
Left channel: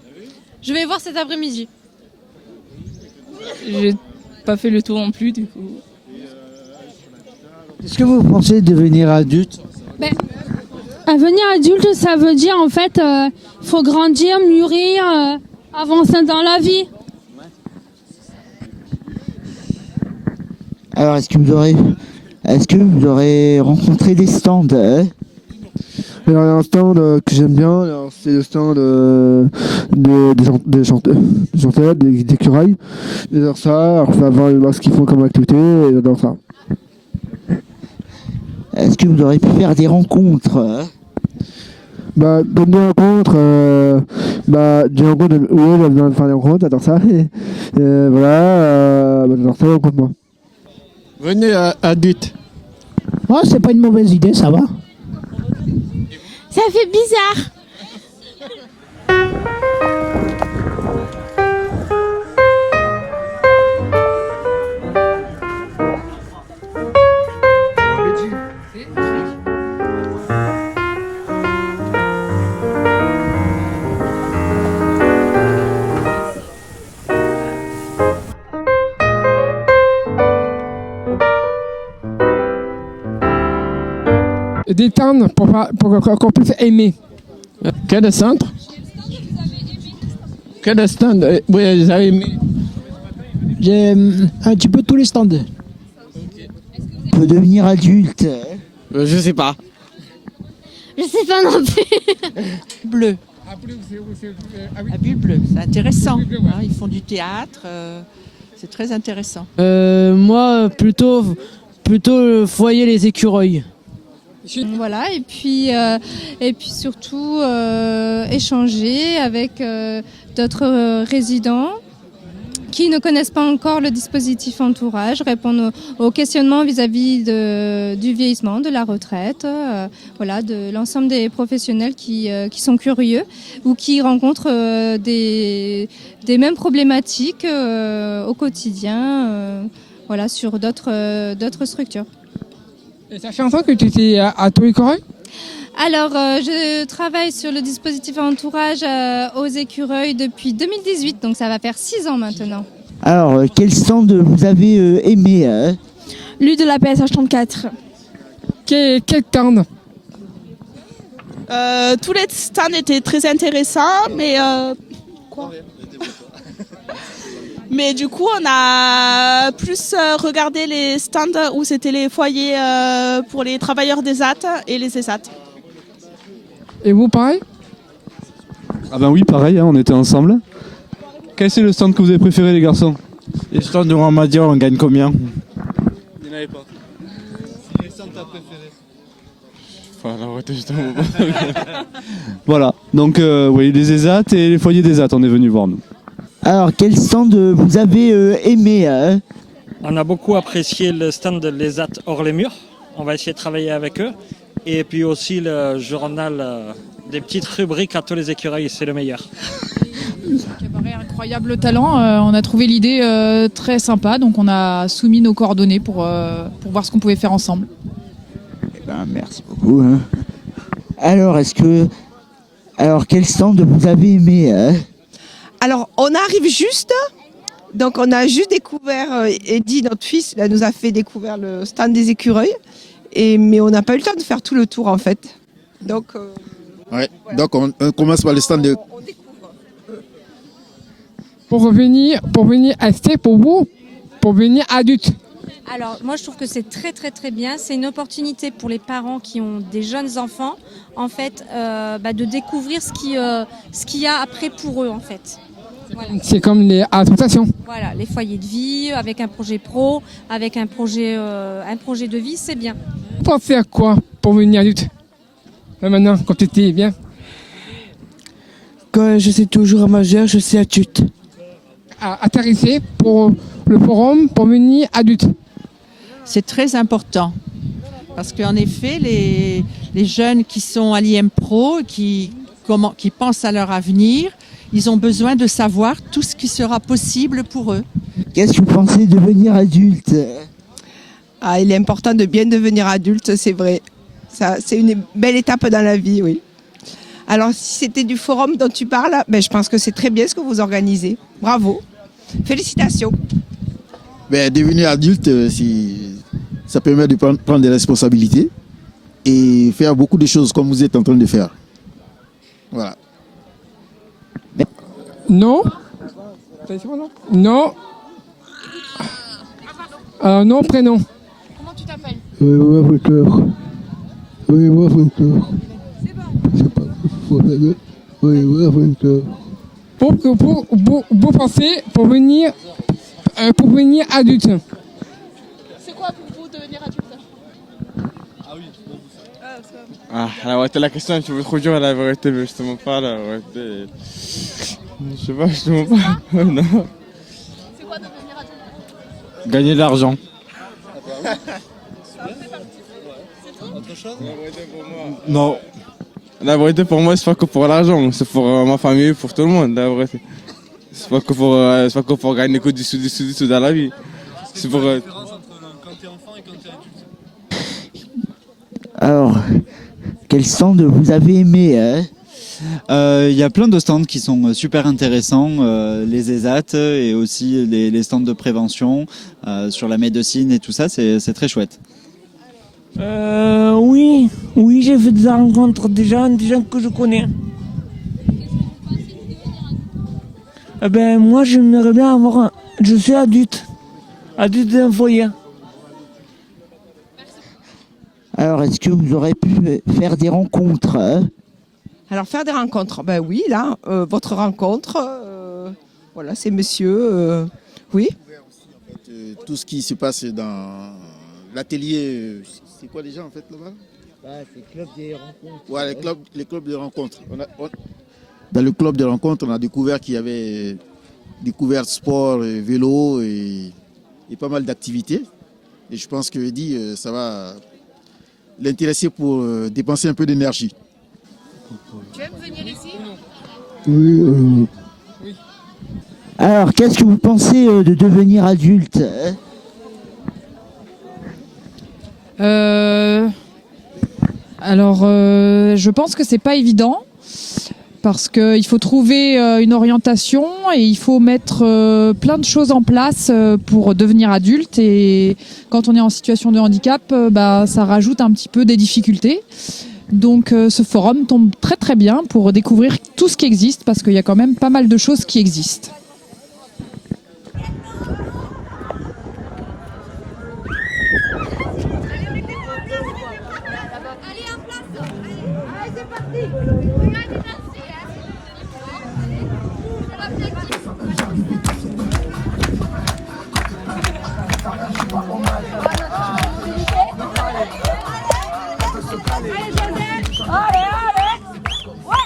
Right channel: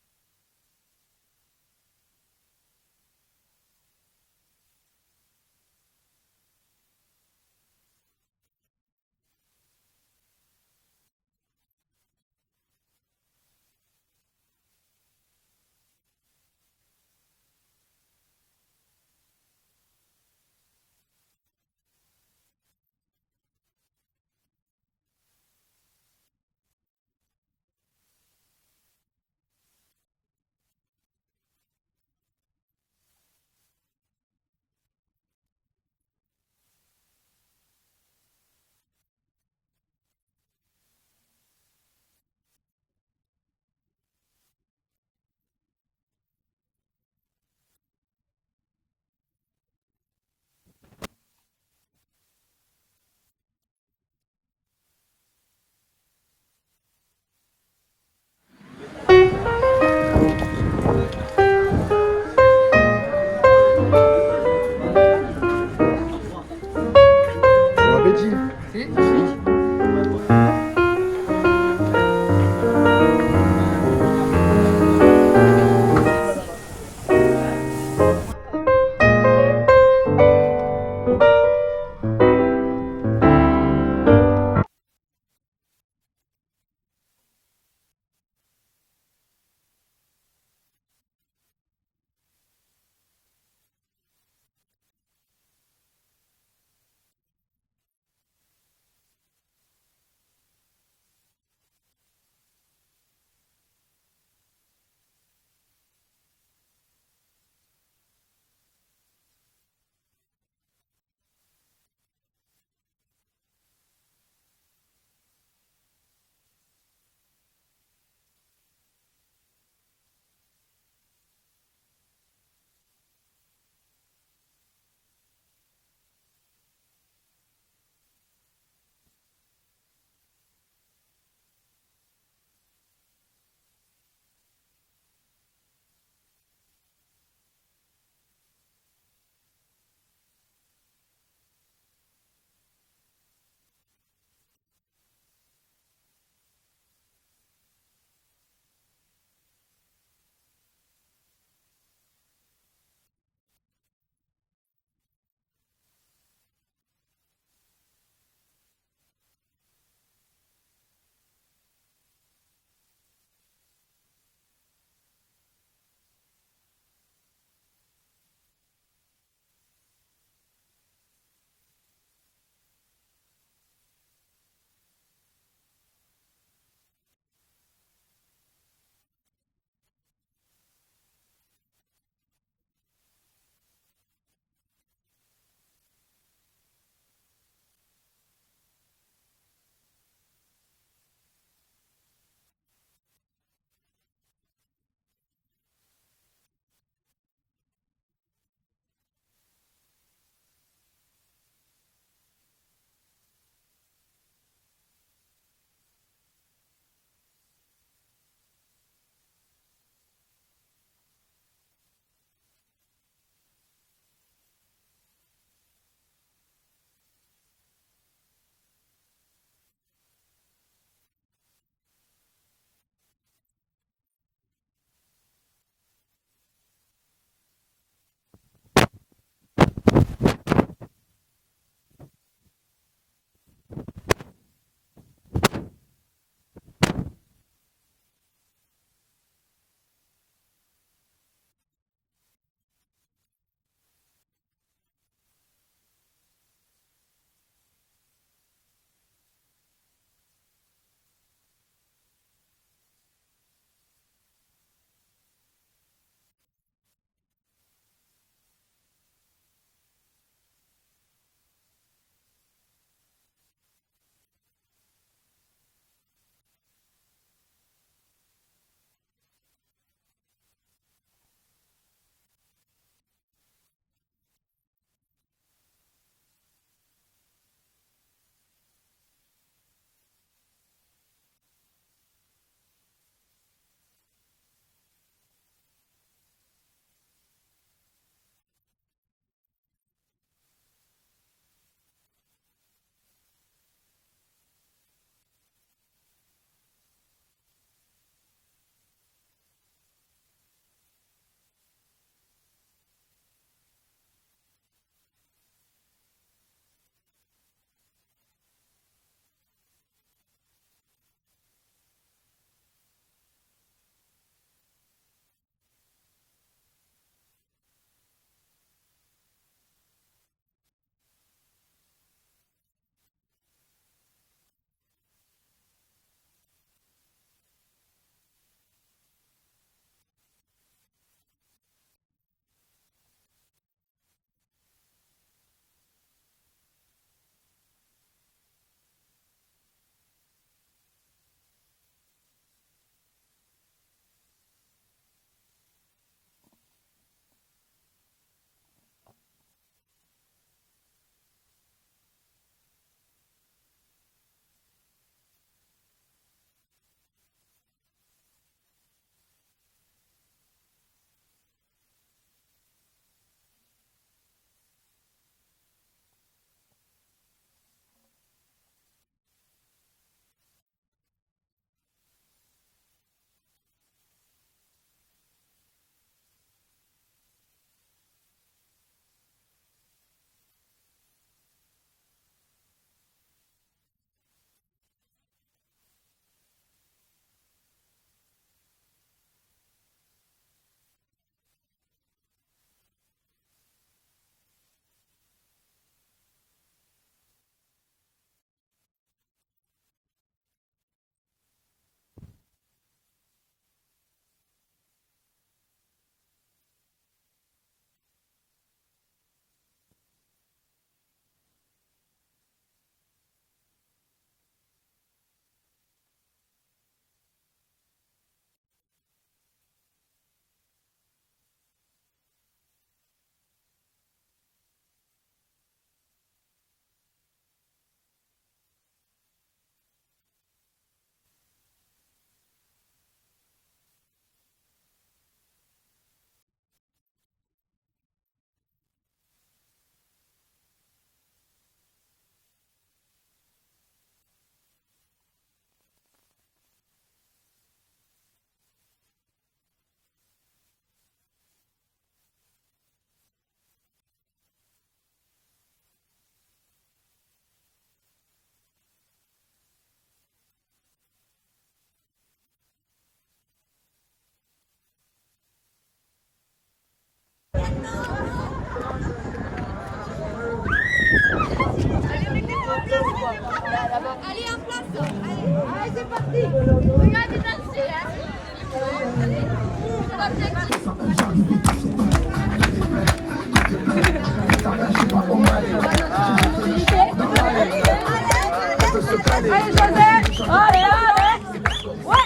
Je vais voir cet après-midi. J'ai pas fait le tour non plus du coup. Est-ce que vous pensez devenir adulte? Devenir adulte, ça veut dire en fait, il faut grandir, mûrir, avancer dans la vie. Alors, est-ce que vous aurez rencontré des stands? Alors, il y a un stand que j'aime bien, c'est le stand des chanteurs, des curailles. J'adore ça, alors, faut voir ce qu'ils font comme activité, et j'adore ça. Est-ce que vous aurez pu faire des rencontres? Comme des rencontres, oui, j'ai besoin de faire des rencontres, j'adore ça. J'adore ça, rencontre-moi. Venez adulte. Oh, c'est pas une mauvaise idée, ça va. Ça fait bizarre. Des temps pour qu'on puisse aimer. Quel centre? Quel stand? Oui, vous avez aimé? J'ai un petit peu tous les stands. On peut devenir adulte? Je sais pas. Je sais pas non plus. Bleu. À Bulle Bleue, c'est intéressant. Hein, ils font du théâtre, c'est très intéressant. Moi, plutôt le foyer Les Écureuils. Voilà, et puis surtout échanger avec d'autres résidents qui ne connaissent pas encore le dispositif entourage, répondre aux questionnements vis-à-vis du vieillissement, de la retraite, voilà, de l'ensemble des professionnels qui sont curieux ou qui rencontrent des mêmes problématiques au quotidien, voilà, sur d'autres structures. Et ça fait longtemps que tu étais à Touré-Correuil ? Alors, je travaille sur le dispositif entourage aux Écureuils depuis 2018, donc ça va faire 6 ans maintenant. Alors, quel stand vous avez aimé Lui de la PSH 34. Quel stand ? Tous les stands étaient très intéressants, mais quoi ? Mais du coup, on a plus regardé les stands où c'était les foyers pour les travailleurs des ZAT et les ESAT. Et vous, pareil ? Ah ben oui, pareil, hein, on était ensemble. Quel est le stand que vous avez préféré, les garçons? Les stands de Ramadia, on gagne combien? Il n'y en avait pas. Quel stand t'as préféré? Voilà, donc oui, les ESAT et les foyers des ESAT, on est venus voir nous. Alors, quel stand vous avez aimé On a beaucoup apprécié le stand de l'ESAT hors les murs. On va essayer de travailler avec eux. Et puis aussi le journal des petites rubriques à tous les écureuils, c'est le meilleur. Cabaret incroyable talent. On a trouvé l'idée très sympa, donc on a soumis nos coordonnées pour voir ce qu'on pouvait faire ensemble. Eh ben, merci beaucoup. Hein. Alors, quel stand vous avez aimé Alors, on arrive juste, donc on a juste découvert, Eddie, notre fils, là, nous a fait découvrir le stand des écureuils, mais on n'a pas eu le temps de faire tout le tour en fait. Donc, ouais. Donc on commence par le stand de... Pour venir acheter pour vous, pour venir adulte. Alors moi je trouve que c'est très très très bien. C'est une opportunité pour les parents qui ont des jeunes enfants, en fait, de découvrir ce qu'il y a après pour eux en fait. Voilà. C'est comme les associations. Voilà, les foyers de vie avec un projet pro, avec un projet de vie, c'est bien. Pour faire quoi pour venir adulte? Là, maintenant, quand tu étais bien. Quand je suis toujours majeur, je suis adulte. Intéressé pour le forum pour venir adulte. C'est très important parce qu'en effet, les jeunes qui sont à l'IM Pro, qui pensent à leur avenir, ils ont besoin de savoir tout ce qui sera possible pour eux. Qu'est-ce que vous pensez de devenir adulte? Il est important de bien devenir adulte, c'est vrai. Ça, c'est une belle étape dans la vie, oui. Alors, si c'était du forum dont tu parles, je pense que c'est très bien ce que vous organisez. Bravo. Félicitations. Devenir adulte, ça permet de prendre des responsabilités et faire beaucoup de choses comme vous êtes en train de faire. Voilà. Non. Non. Non, prénom. Comment tu t'appelles? Pour penser, pour venir adulte. C'est quoi pour vous devenir adulte? La vérité, la question est un peu trop dure, la vérité, mais je te mens pas, la vérité. Je sais pas, je te mens pas. Non. C'est quoi devenir adulte? Gagner de l'argent. Autre chose? Non. La vérité, pour moi, c'est pas que pour l'argent, c'est pour ma famille, pour tout le monde, la vérité. C'est pas que pour gagner que du sous dans la vie. C'est pour... Alors, quel stand vous avez aimé Il y a plein de stands qui sont super intéressants, les ESAT et aussi les stands de prévention sur la médecine et tout ça, c'est très chouette. Oui, j'ai fait des rencontres des gens que je connais. Moi, j'aimerais bien avoir je suis adulte d'un foyer. Alors, est-ce que vous aurez pu faire des rencontres Alors, faire des rencontres, oui, là, votre rencontre, voilà, c'est monsieur, oui. Tout ce qui se passe dans l'atelier, c'est quoi déjà en fait là-bas? c'est club des rencontres. Ouais, les clubs de rencontres. Dans le club de rencontres, on a découvert qu'il y avait découvert sport, vélo et pas mal d'activités. Et je pense que Eddy, ça va l'intéresser pour dépenser un peu d'énergie. Tu aimes venir ici? Oui. Alors, qu'est-ce que vous pensez de devenir adulte Je pense que c'est pas évident parce qu'il faut trouver une orientation et il faut mettre plein de choses en place pour devenir adulte. Et quand on est en situation de handicap, ça rajoute un petit peu des difficultés. Donc ce forum tombe très très bien pour découvrir tout ce qui existe parce qu'il y a quand même pas mal de choses qui existent. Allez, en place. Allez, c'est parti. Regardez danser. Allez, Joseph. Allez, allez. Ouais.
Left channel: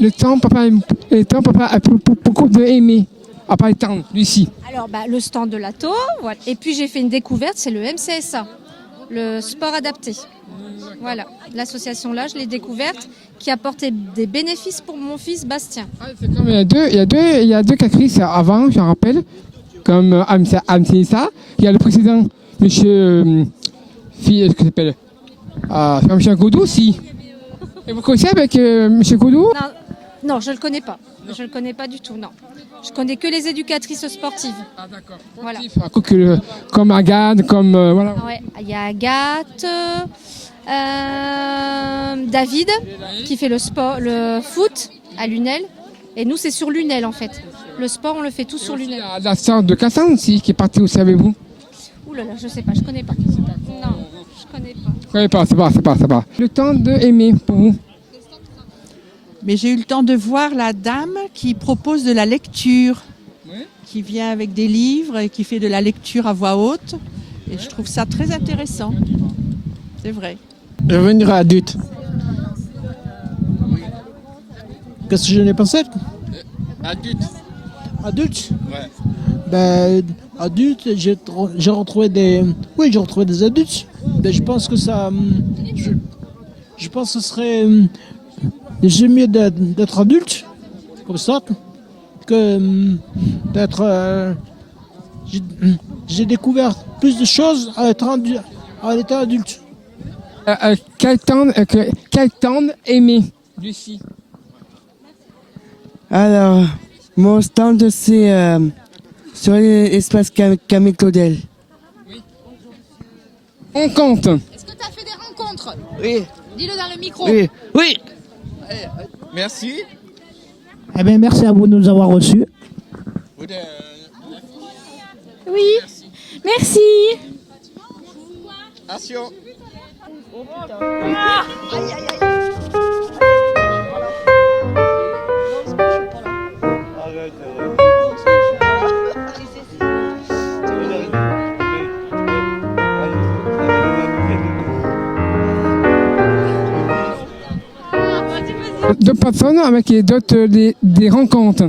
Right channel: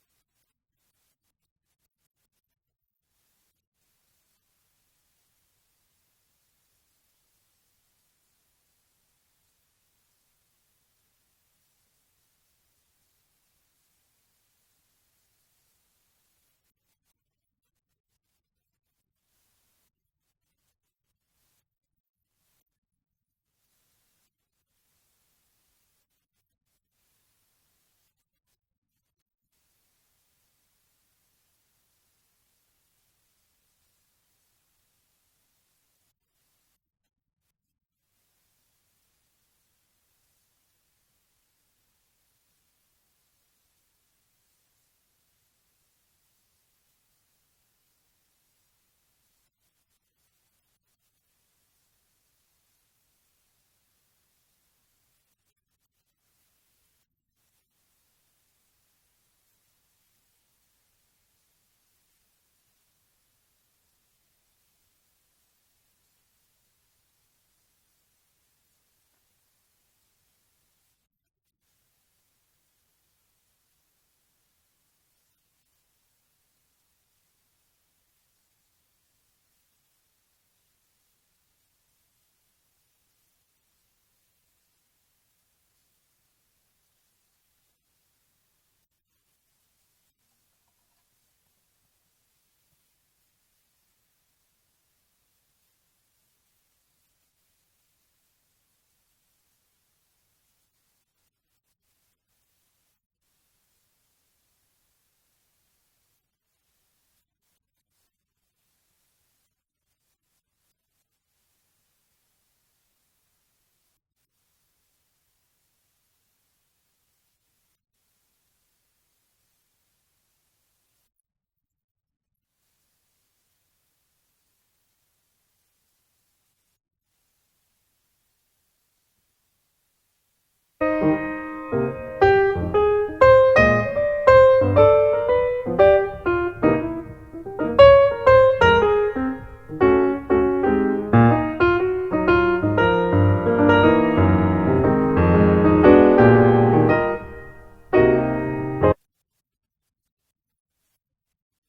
Le temps, papa a beaucoup aimé, à part le temps, Lucie. Alors, le stand de l'ATO, voilà. Et puis j'ai fait une découverte, c'est le MCSA, le sport adapté. Voilà, l'association là, je l'ai découverte, qui apportait des bénéfices pour mon fils Bastien. C'est comme il y a deux actrices avant, je rappelle, comme MCSA. Il y a le président, monsieur, ce que s'appelle, Michel Godot aussi. Et vous connaissez avec monsieur Godot? Non, je ne le connais pas. Je ne le connais pas du tout, non. Je connais que les éducatrices sportives. Ah d'accord. Voilà. Comme Agathe, comme... voilà. Ouais, il y a Agathe, David, qui fait le sport, le foot à Lunel. Et nous, c'est sur Lunel, en fait. Le sport, on le fait tout sur Lunel. Il y a la sœur de Cassan aussi, qui est partie aussi avec vous. Ouh là là, je sais pas, je connais pas. Non, je connais pas. Je connais pas, c'est pas. Le temps de aimer pour vous. Mais j'ai eu le temps de voir la dame qui propose de la lecture, qui vient avec des livres et qui fait de la lecture à voix haute. Et je trouve ça très intéressant. C'est vrai. Devenir adulte. Qu'est-ce que je n'ai pensé? Adulte. Adulte? Ouais. Adulte, j'ai retrouvé des... Oui, j'ai retrouvé des adultes. Je pense que ça... Je pense que ce serait... C'est mieux d'être adulte, comme ça, que d'être... J'ai découvert plus de choses en étant adulte. Quel temps aimer, Lucie? Alors, mon stand, c'est sur l'espace Camille Claudel. Rencontre. Est-ce que tu as fait des rencontres? Oui. Dis-le dans le micro. Oui. Oui. Merci. Eh bien, merci à vous de nous avoir reçus. Oui, merci. Action. D'autres personnes avec d'autres des rencontres.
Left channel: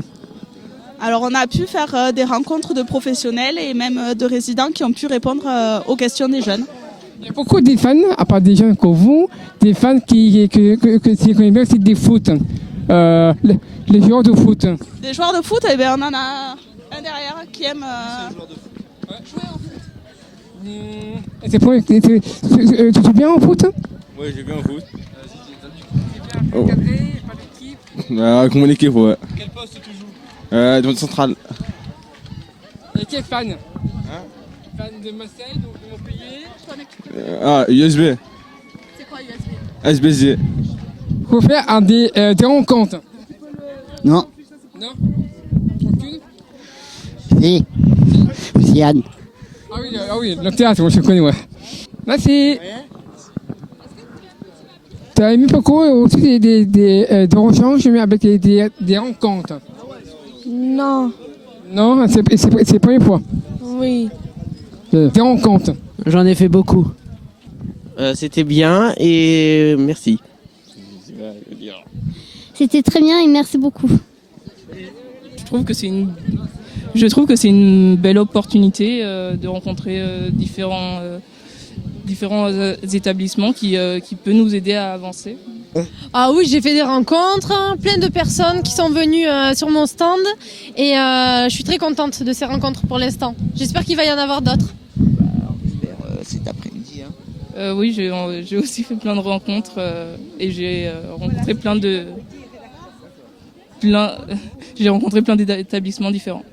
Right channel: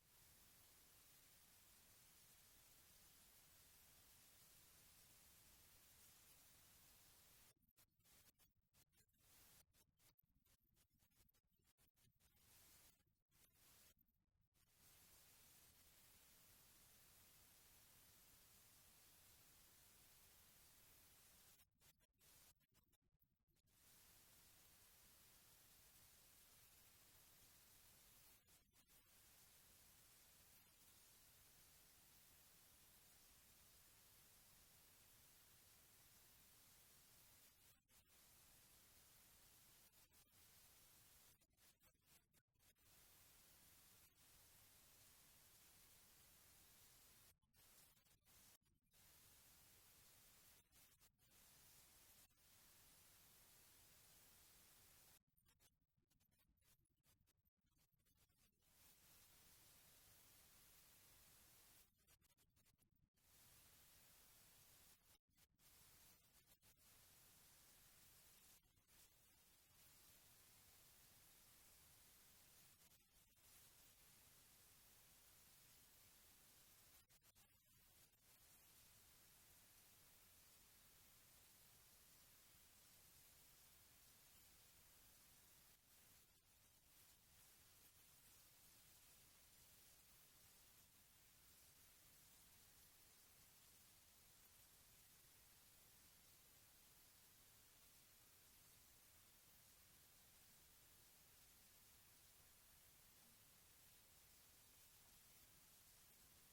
Alors on a pu faire des rencontres de professionnels et même de résidents qui ont pu répondre aux questions des jeunes. Il y a beaucoup de fans, à part des jeunes comme vous, des fans qui connaissent bien aussi des foot, les joueurs de foot. Des joueurs de foot, eh bien, on en a un derrière qui aime jouer au foot. Tu joues bien au foot? Oui, je joue bien au foot. Oh. Avec mon équipe, ouais. Quel poste tu joues? Dans le central. Et quel fan? Fan de Marseille, de Montpellier? USB. C'est quoi USB? SBZ. Faut faire des rencontres. Non. Non? Si. C'est Yann. Ah oui, le théâtre, moi je connais, ouais. Merci. Tu as aimé beaucoup aussi des échanges avec des rencontres? Non. Non, c'est la première fois. Oui. Des rencontres. J'en ai fait beaucoup. C'était bien et merci. C'était très bien et merci beaucoup. Je trouve que c'est une belle opportunité de rencontrer différents établissements qui peut nous aider à avancer. Ah oui, j'ai fait des rencontres, plein de personnes qui sont venues sur mon stand et je suis très contente de ces rencontres pour l'instant. J'espère qu'il va y en avoir d'autres. Cet après-midi. Oui, j'ai aussi fait plein de rencontres et j'ai rencontré j'ai rencontré plein d'établissements différents.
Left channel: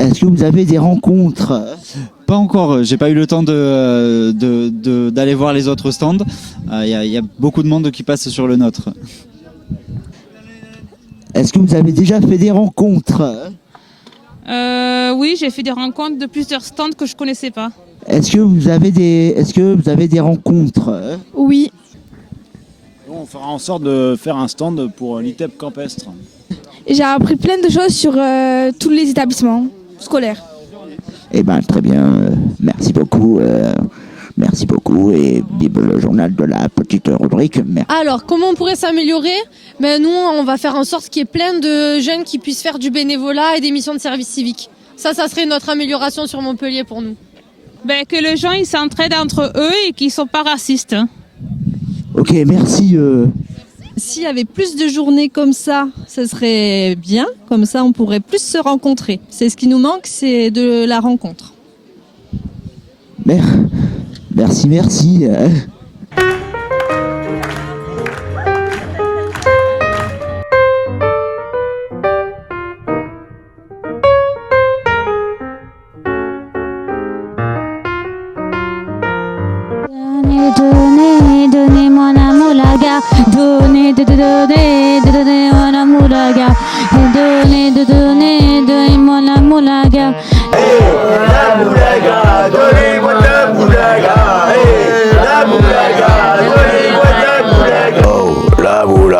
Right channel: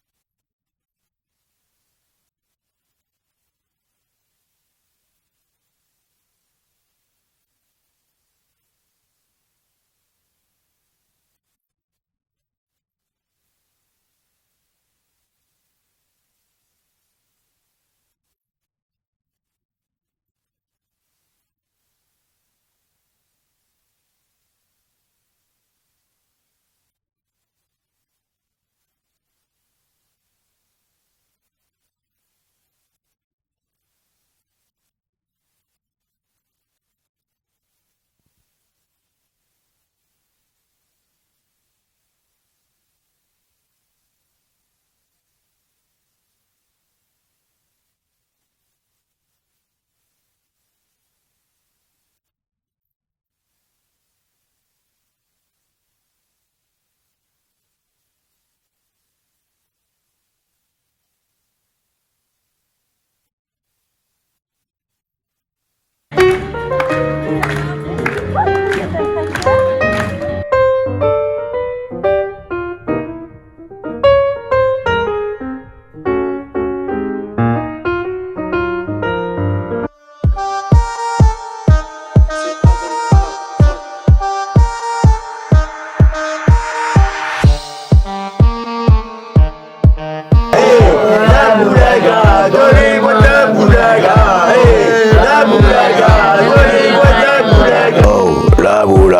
Est-ce que vous avez des rencontres? Pas encore, j'ai pas eu le temps d'aller voir les autres stands. Il y a beaucoup de monde qui passe sur le nôtre. Est-ce que vous avez déjà fait des rencontres? Oui, j'ai fait des rencontres de plusieurs stands que je connaissais pas. Est-ce que vous avez des rencontres? Oui. On fera en sorte de faire un stand pour l'ITEP campestre. J'ai appris plein de choses sur tous les établissements scolaires. Eh bien, très bien. Merci beaucoup. Merci beaucoup. Et vive le journal de la petite rubrique. Merci. Alors, comment on pourrait s'améliorer? Nous, on va faire en sorte qu'il y ait plein de jeunes qui puissent faire du bénévolat et des missions de service civique. Ça serait notre amélioration sur Montpellier pour nous. Que les gens ils s'entraident entre eux et qu'ils ne sont pas racistes. Ok, merci. S'il y avait plus de journées comme ça, ce serait bien. Comme ça, on pourrait plus se rencontrer. C'est ce qui nous manque, c'est de la rencontre. Merci.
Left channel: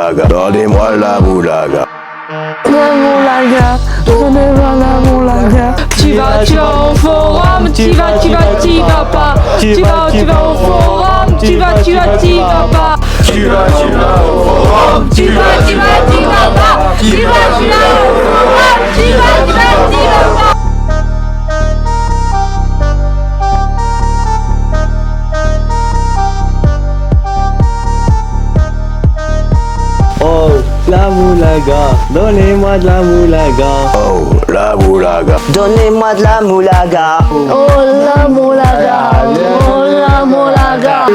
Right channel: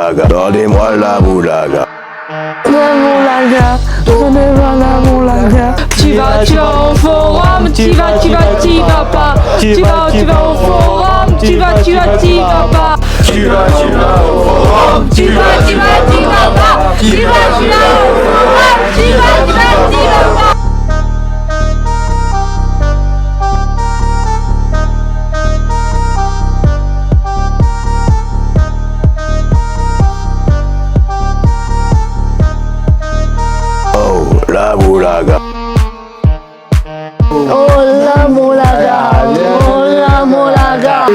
moulaga, donnez-moi la moulaga. La moulaga, donnez-moi la moulaga. Tu vas au forum, tu vas pas. Tu vas au forum, tu vas pas. Tu vas au forum, tu vas pas. Tu vas au forum, tu vas pas. Donnez-moi de la moulaga. Oh, la moulaga. Donnez-moi de la moulaga. Oh la moulaga, oh la moulaga.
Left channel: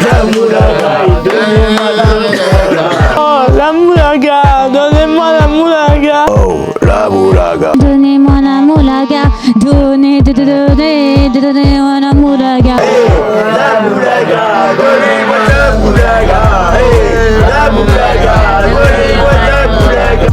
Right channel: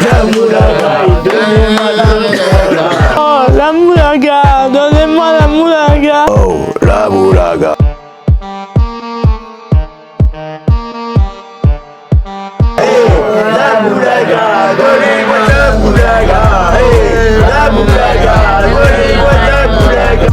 La moulaga, donnez-moi la moulaga. Oh la moulaga, donnez-moi la moulaga. Oh, la moulaga. Donnez-moi la moulaga, donnez-moi la moulaga. La moulaga, donnez-moi la moulaga. La moulaga, donnez-moi la moulaga.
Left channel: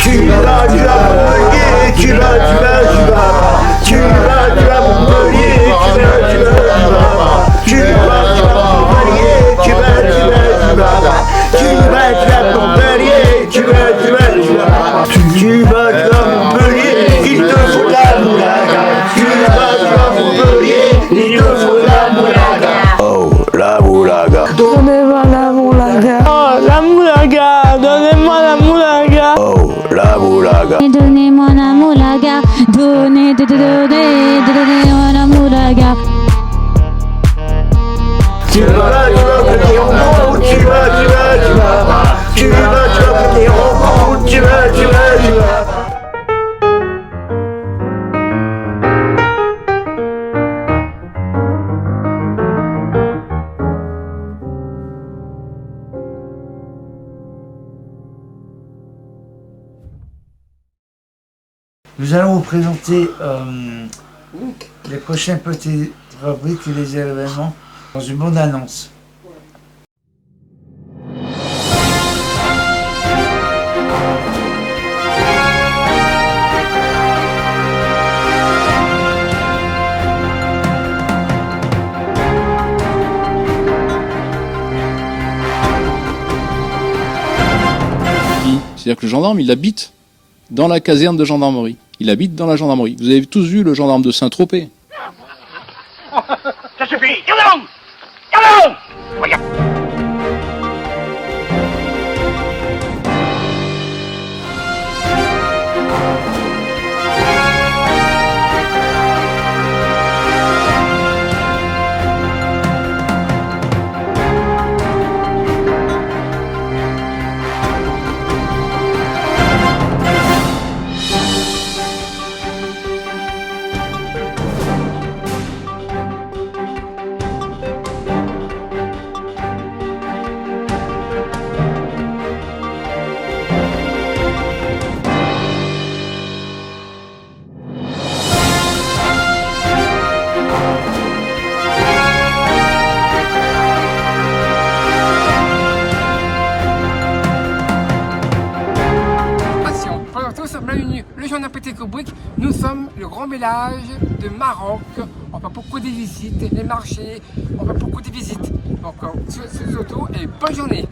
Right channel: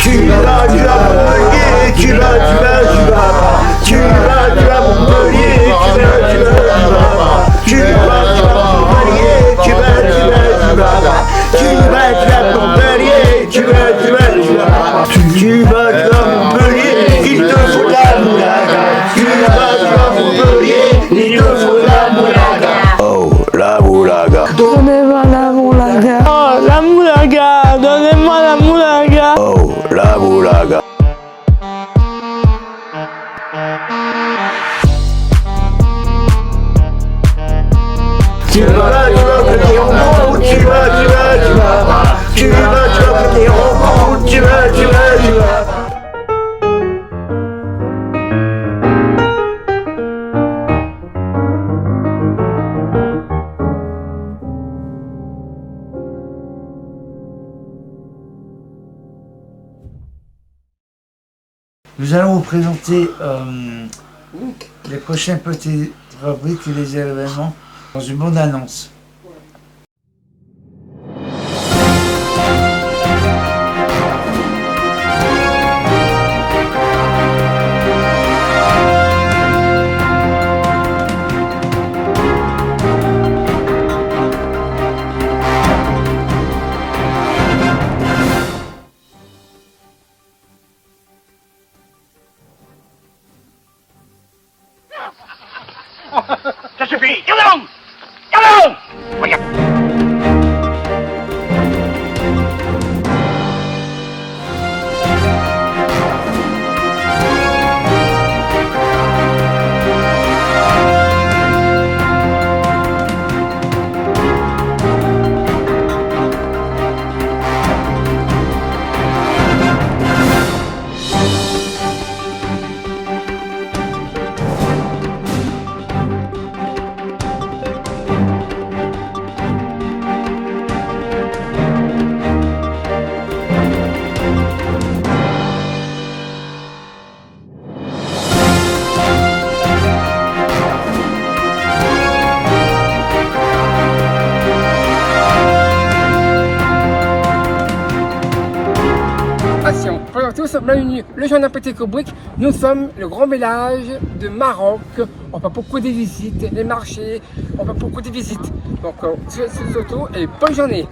Tu vas Montpellier, tu vas Montpellier, tu vas Montpellier, tu vas Montpellier, il te faut la moulaga. Tu vas Montpellier, il te faut la moulaga. Oh, la moulaga. Donnez-moi la moulaga. Oh la moulaga, donnez-moi la moulaga. Oh, la moulaga. Donnez-moi la moulaga, donnez-moi la moulaga. Tu vas péter en gros, tu vas péter en gros, tu vas. Nous allons vous présenter les prochaines petites rubriques et les événements dans une bonne annonce. C'est-à-dire que le gendarme, il habite dans la caserne de gendarmerie. Il habite dans la gendarmerie. Vous avez tous vu le gendarme de Saint-Tropez. Ça suffit. Yalong. Yalong. Bienvenue, le journal Petit Caubric. Nous sommes le grand village de Maroc. On fait beaucoup de visites, les marchés, on fait beaucoup de visites. Donc, surtout, et bonne journée.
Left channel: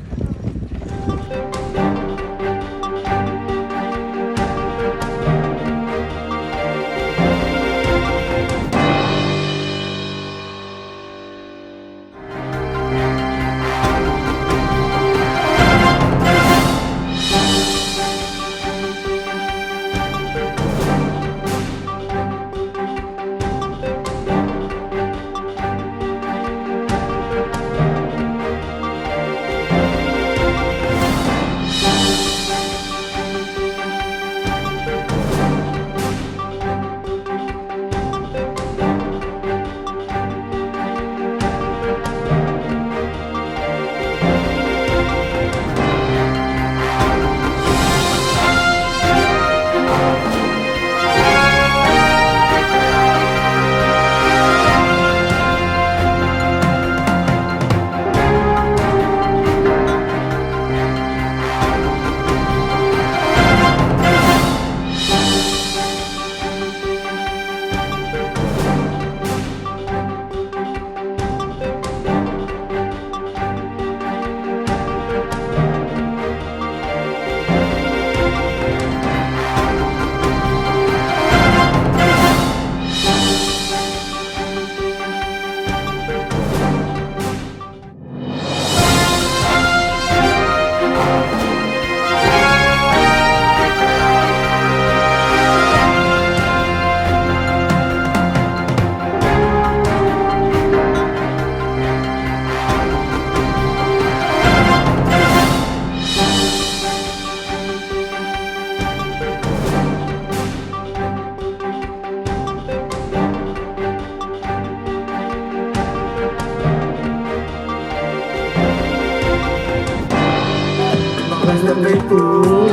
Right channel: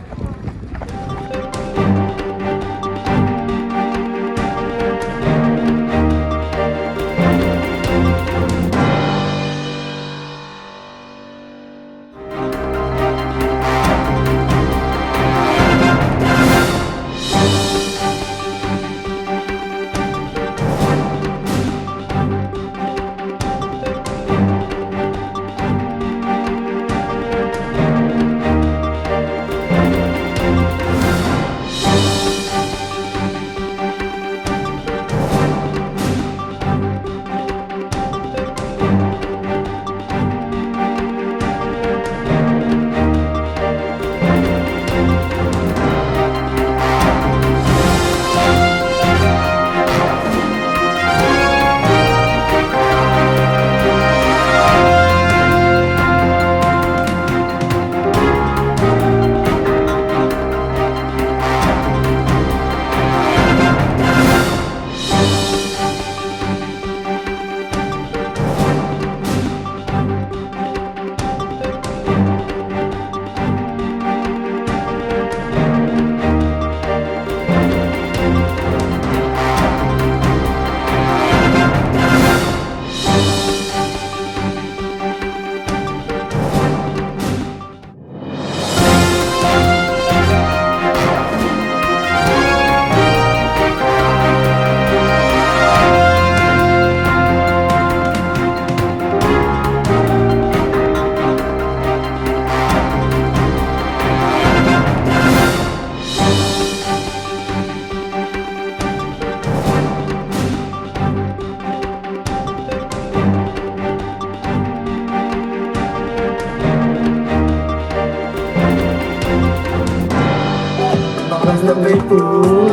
reste avec vous.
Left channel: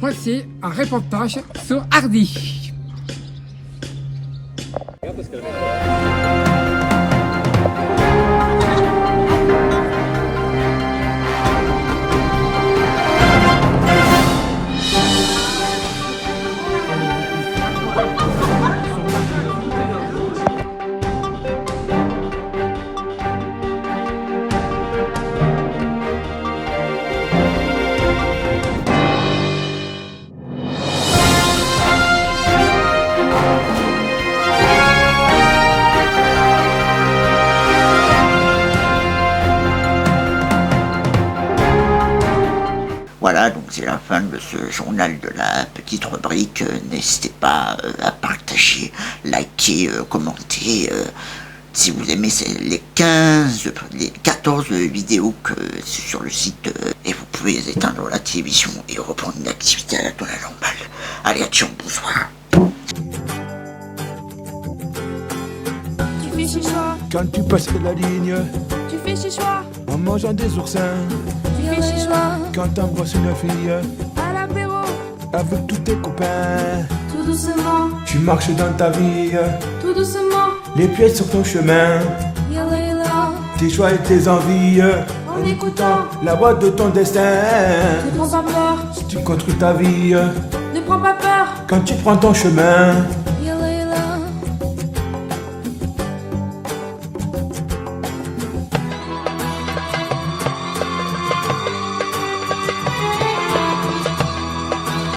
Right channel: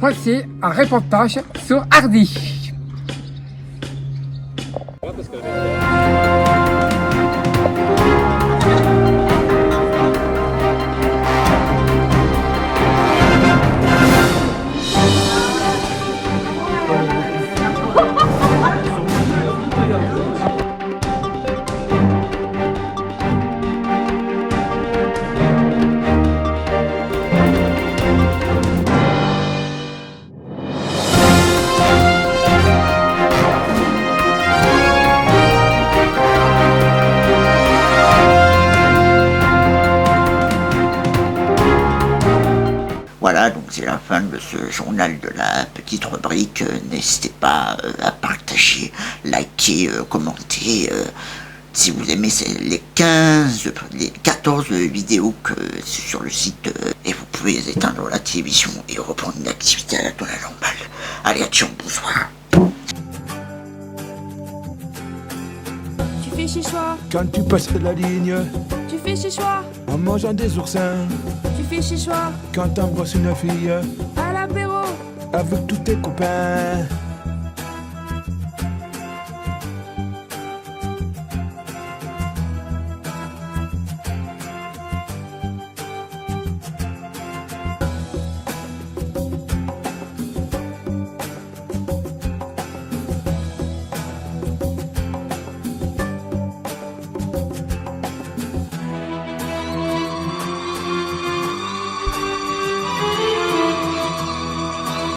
Voici un reportage sur Hardy. Voilà, donc c'est la fin de ce journal de la petite rubrique. N'hésitez pas à partager, liker, commenter. Si vous aimez les 14 vidéos que c'est sur le site, et vous pouvez éteindre la télévision et reprendre une activité à la normale. Allez, attention, bonsoir. Tu fais chez soi, Quand tu passes la ligne, tu fais chez soi, en mangeant des oursins, tu fais chez soi, quand t'embrasses une fille, à l'apéro, avec tous tes copains, tout doucement, tu marches dans ta vie, tout doucement, les pieds sur ton chemin, yalla, tes choix et tes envies, en écoutant, la voix de ton destin. ne prends pas peur, Si tu construis ta vie, ne prends pas peur, quand tu prends ton chemin, yalla.